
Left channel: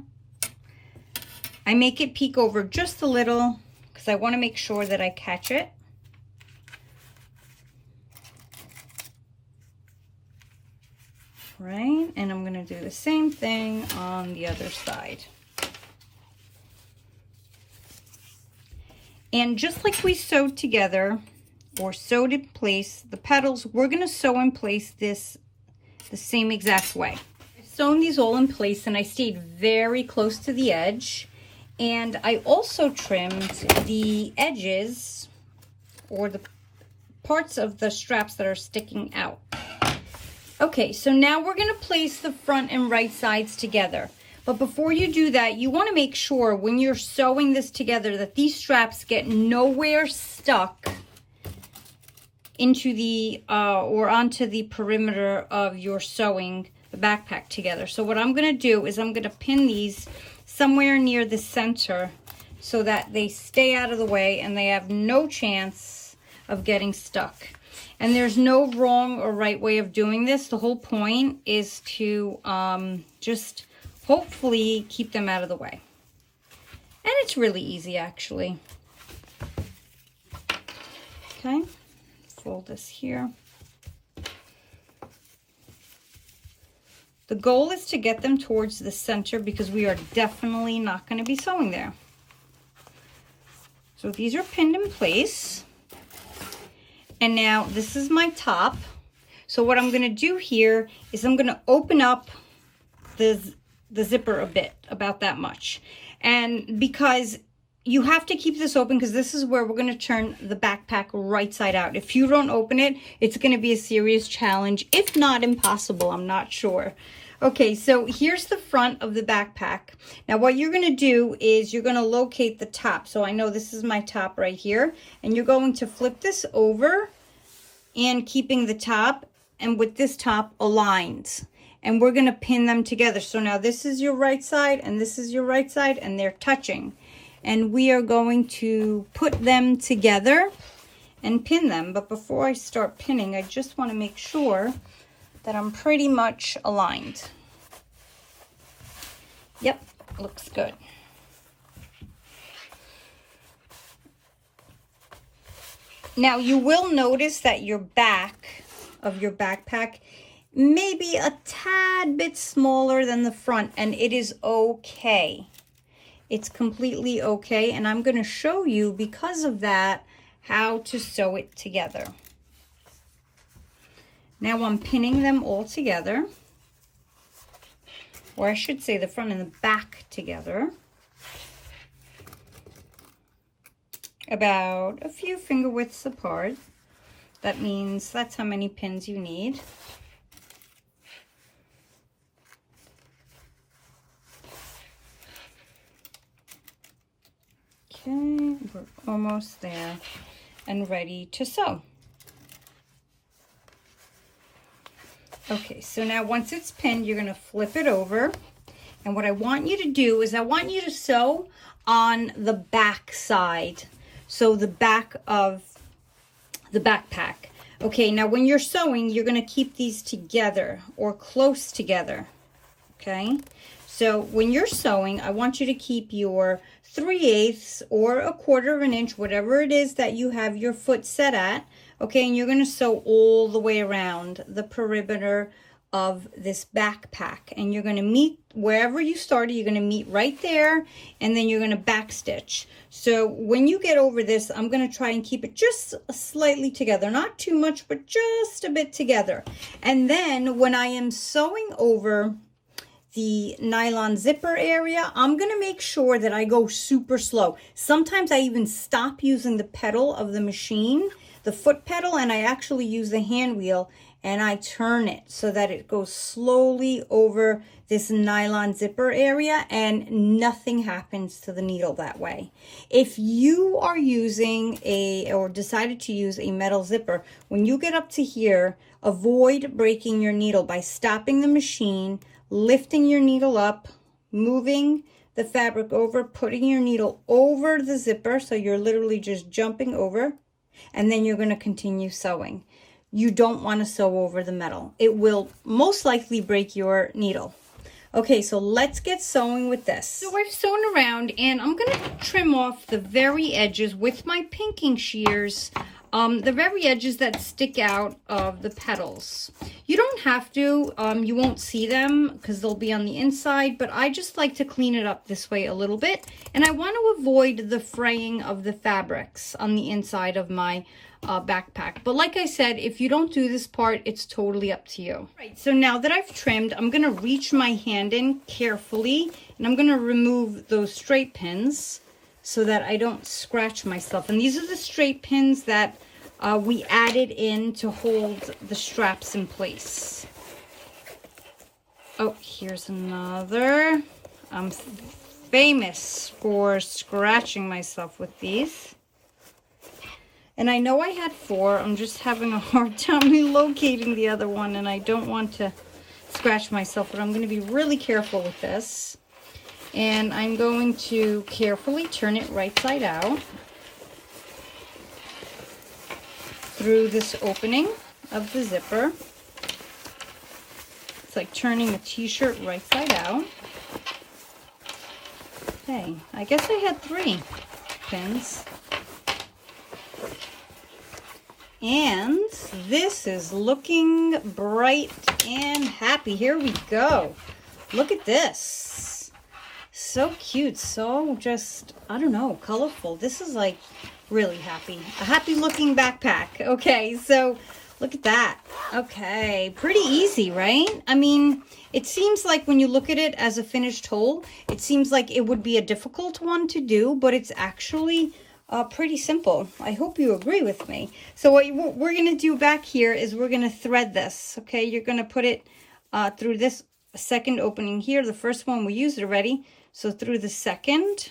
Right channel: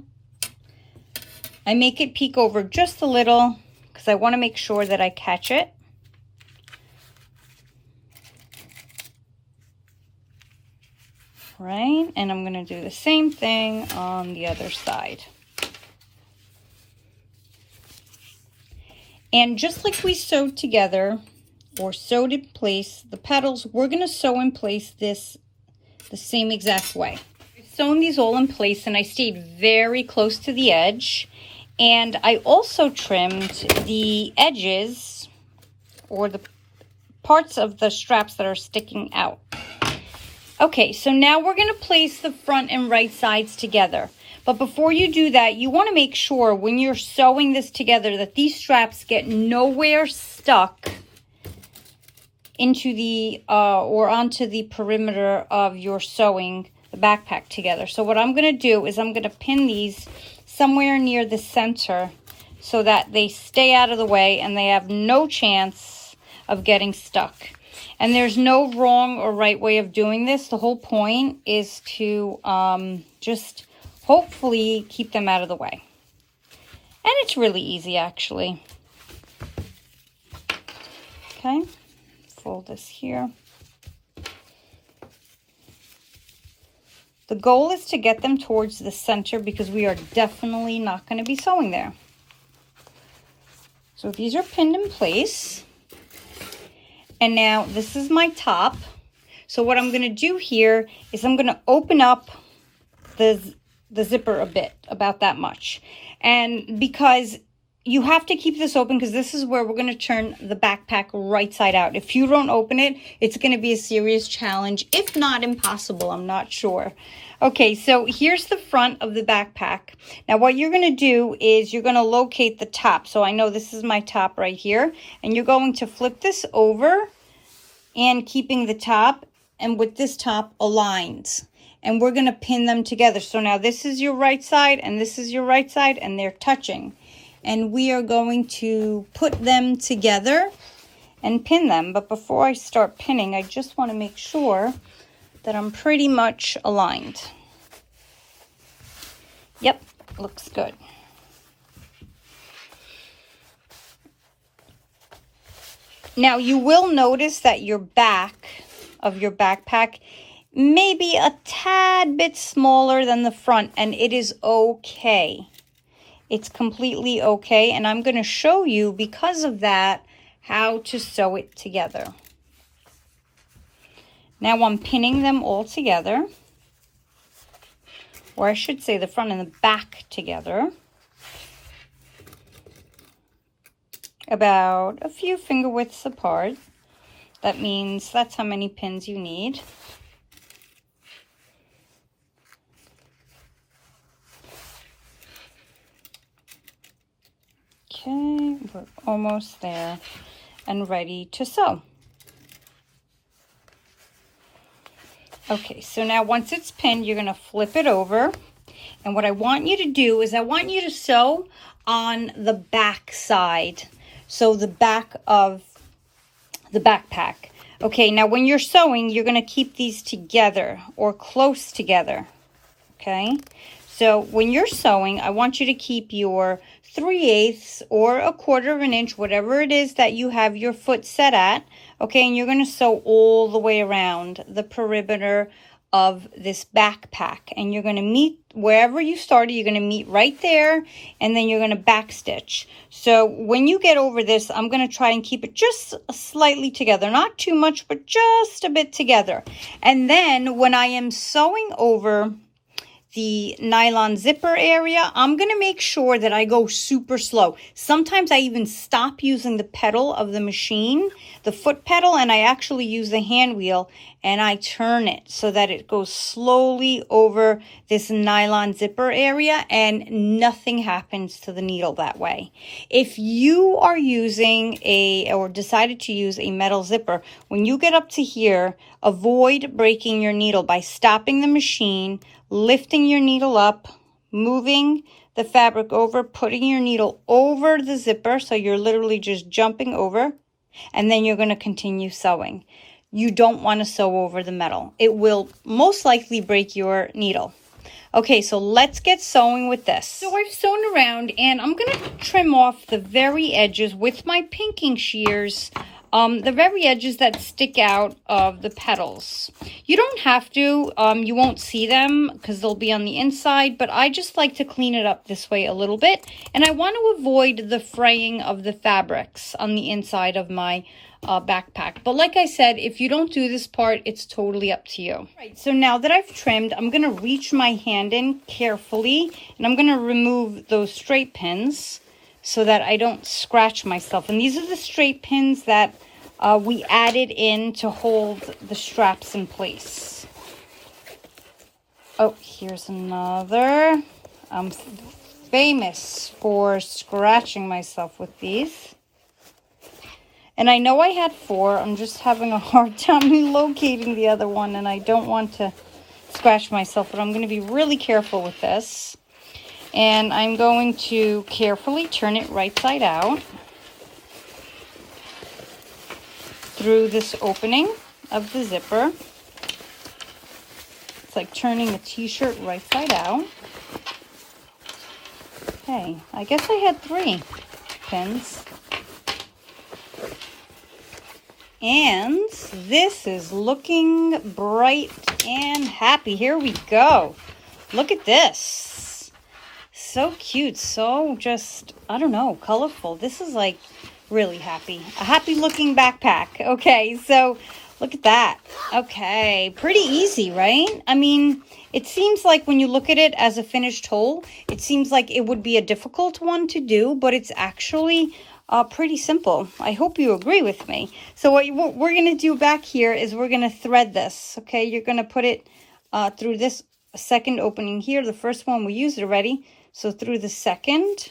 I make it peek over just a little because I want to make sure that I catch it. Right, and I'm going to do the same thing on the other side. And just like we sewed together or sewed in place the petals, we're going to sew in place this the same exact way. I've sewn these all in place and I stayed very close to the edge, and I also trimmed the edges or the parts of the straps that are sticking out. Okay, so now we're going to place the front and right sides together. But before you do that, you want to make sure when you're sewing this together that these straps get nowhere stuck into the or onto the perimeter of your sewing the backpack together. So what I'm going to do is I'm going to pin these somewhere near the center so that they stay out of the way and they have no chance of getting stuck. And there's no wrong or right way of doing this. The whole point is to just hopefully keep them out of the way. And it's really easy, actually. Okay, pull this here. The goal is to get them towards the center because we are definitely not going to be sewing there. So these are pinned in place. And now this is my top. So what I'm going to do here is I'm going to open up the zipper a bit, about that much. And because you have to keep this open, because this is where we're going to turn the backpack right side out. If you don't open it, it's going to be a serious challenge, if not impossible, I'm not sure. Okay, so here's the front of the backpack. Now what you're going to do is you're going to locate the top. So I know this is my top right here, and you're going to flip this over and keeping the top and with this top aligned. And we're going to pin them together. So now this is your right side and this is your right side, and they're touching. And we are going to put them together and pin them. But before I start pinning, I just want to make sure that I'm pretty much aligned. Yep, looks good. Now you will notice that your back of your backpack may be a tad bit smaller than the front, and it is okay. It's completely okay, and I'm going to show you, because of that, how to sew it together. Now I'm pinning them all together, or I should say the front and the back together, about a few finger widths apart. That means that's how many pins you need. Okay, we're almost there and ready to sew. Okay, so now once it's pinned, you're going to flip it over. And what I want you to do is I want you to sew on the back side. So the back of the backpack. Okay, now when you're sewing, you're going to keep these together or close together. Okay, so when you're sewing, I want you to keep your 3/8 or 1/4 of an inch, whatever it is that you have your foot set at. Okay, and you're going to sew all the way around the perimeter of this backpack. And you're going to meet wherever you started, you're going to meet right there, and then you're going to back stitch. So when you get over this, I'm going to try and keep it just slightly together. Not too much, but just a bit together. And then when I am sewing over the nylon zipper area, I'm going to make sure that I go super slow. Sometimes I even stop using the pedal of the machine, the foot pedal, and I actually use the hand wheel, and I turn it so that it goes slowly over this nylon zipper area, and nothing happens to the needle that way. If you are using or decided to use a metal zipper, when you get up to here, avoid breaking your needle by stopping the machine, lifting your needle up, moving the fabric over, putting your needle over the zipper, so you're literally just jumping over, and then you're going to continue sewing. You don't want to sew over the metal. It will most likely break your needle. Okay, so let's get sewing with this. So I've sewn around, and I'm going to trim off the very edges with my pinking shears, the very edges that stick out of the petals. You don't have to, you won't see them because they'll be on the inside, but I just like to clean it up this way a little bit. And I want to avoid the fraying of the fabrics on the inside of my backpack. But like I said, if you don't do this part, it's totally up to you. Right, so now that I've trimmed, I'm going to reach my hand in carefully, and I'm going to remove those straight pins so that I don't scratch myself. And these are the straight pins that we added in to hold the straps in place. Oh, here's another. I'm famous for scratching myself with these. And I know I had 4. I'm just having a hard time locating the other one, and I don't want to scratch myself, but I'm going to be really careful with this. And I'm going to carefully turn it right side out through this opening of the zipper. It's like turning a t-shirt right side out. Okay, I guess I had 3 pins. And this is looking bright and happy. Here we go. Look at this. So cute. So just, I don't know, colorful. This is like really happy. A happy looking backpack. Okay, so look at that. Okay, pretty easy, right? I mean, it seems like when you look at it as a finished whole, it seems like it would be a difficult one to do, but it's actually pretty simple. I hope you agree with me. So what we're going to do back here is we're going to thread this. Okay, you're going to put it through this second opening here. The first one we used already. So through the second.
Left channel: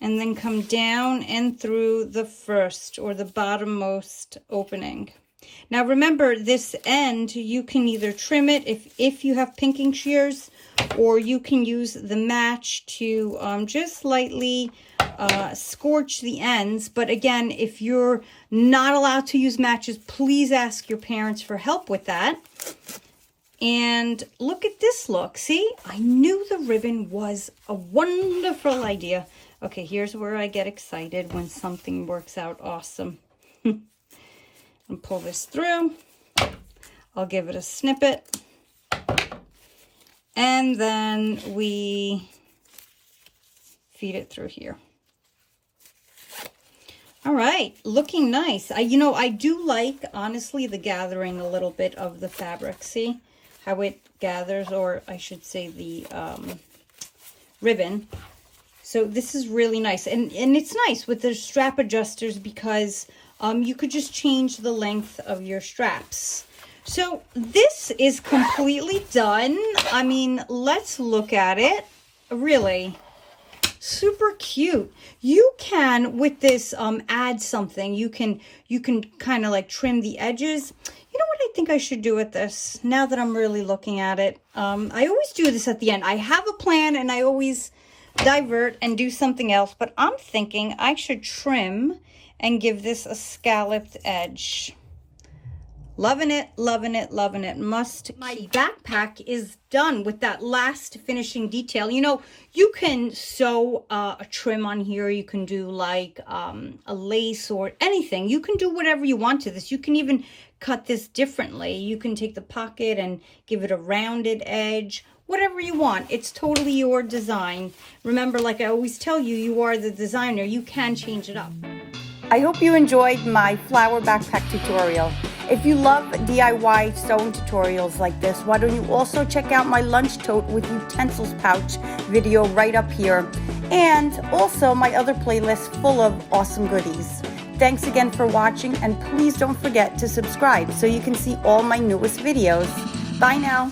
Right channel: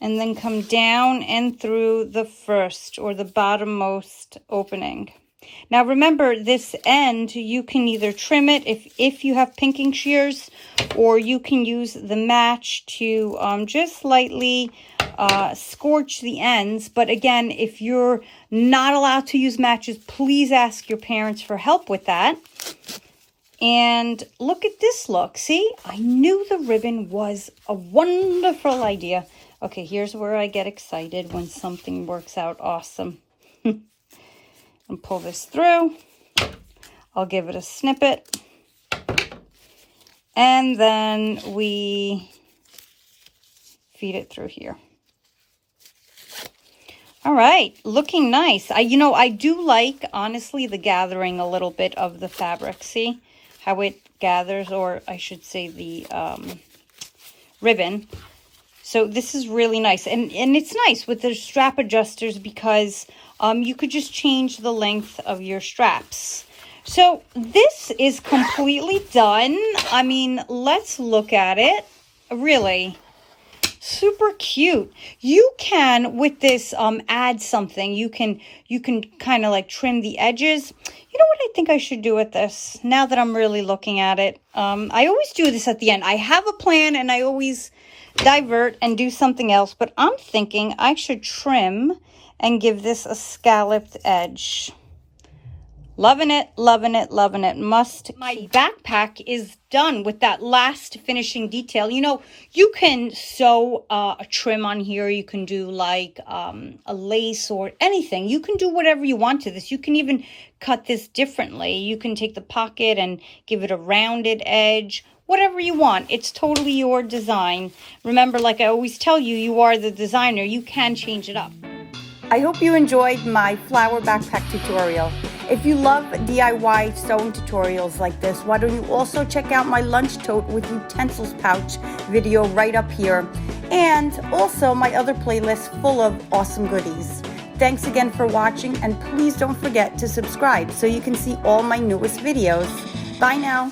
And then come down and through the first or the bottommost opening. Now remember, this end, you can either trim it if you have pinking shears, or you can use the match to just lightly scorch the ends. But again, if you're not allowed to use matches, please ask your parents for help with that. And look at this look. See, I knew the ribbon was a wonderful idea. Okay, here's where I get excited when something works out awesome. And pull this through. I'll give it a snippet. And then we feed it through here. All right, looking nice. I do like, honestly, the gathering a little bit of the fabric. See how it gathers, or I should say the ribbon. So this is really nice. And it's nice with the strap adjusters because you could just change the length of your straps. So this is completely done. I mean, let's look at it. Really super cute. You can, with this, add something. You can kind of like trim the edges. You know what I think I should do with this now that I'm really looking at it? I always do this at the end. I have a plan and I always divert and do something else, but I'm thinking I should trim and give this a scalloped edge. Loving it, loving it, loving it. My backpack is done with that last finishing detail. You know, you can sew a trim on here. You can do like a lace or anything. You can do whatever you want to this. You can even cut this differently. You can take the pocket and give it a rounded edge. Whatever you want. It's totally your design. Remember, like I always tell you, you are the designer. You can change it up. I hope you enjoyed my flower backpack tutorial. If you love DIY sewing tutorials like this, why don't you also check out my lunch tote with utensils pouch video right up here, and also my other playlist full of awesome goodies. Thanks again for watching, and please don't forget to subscribe so you can see all my newest videos. Bye now.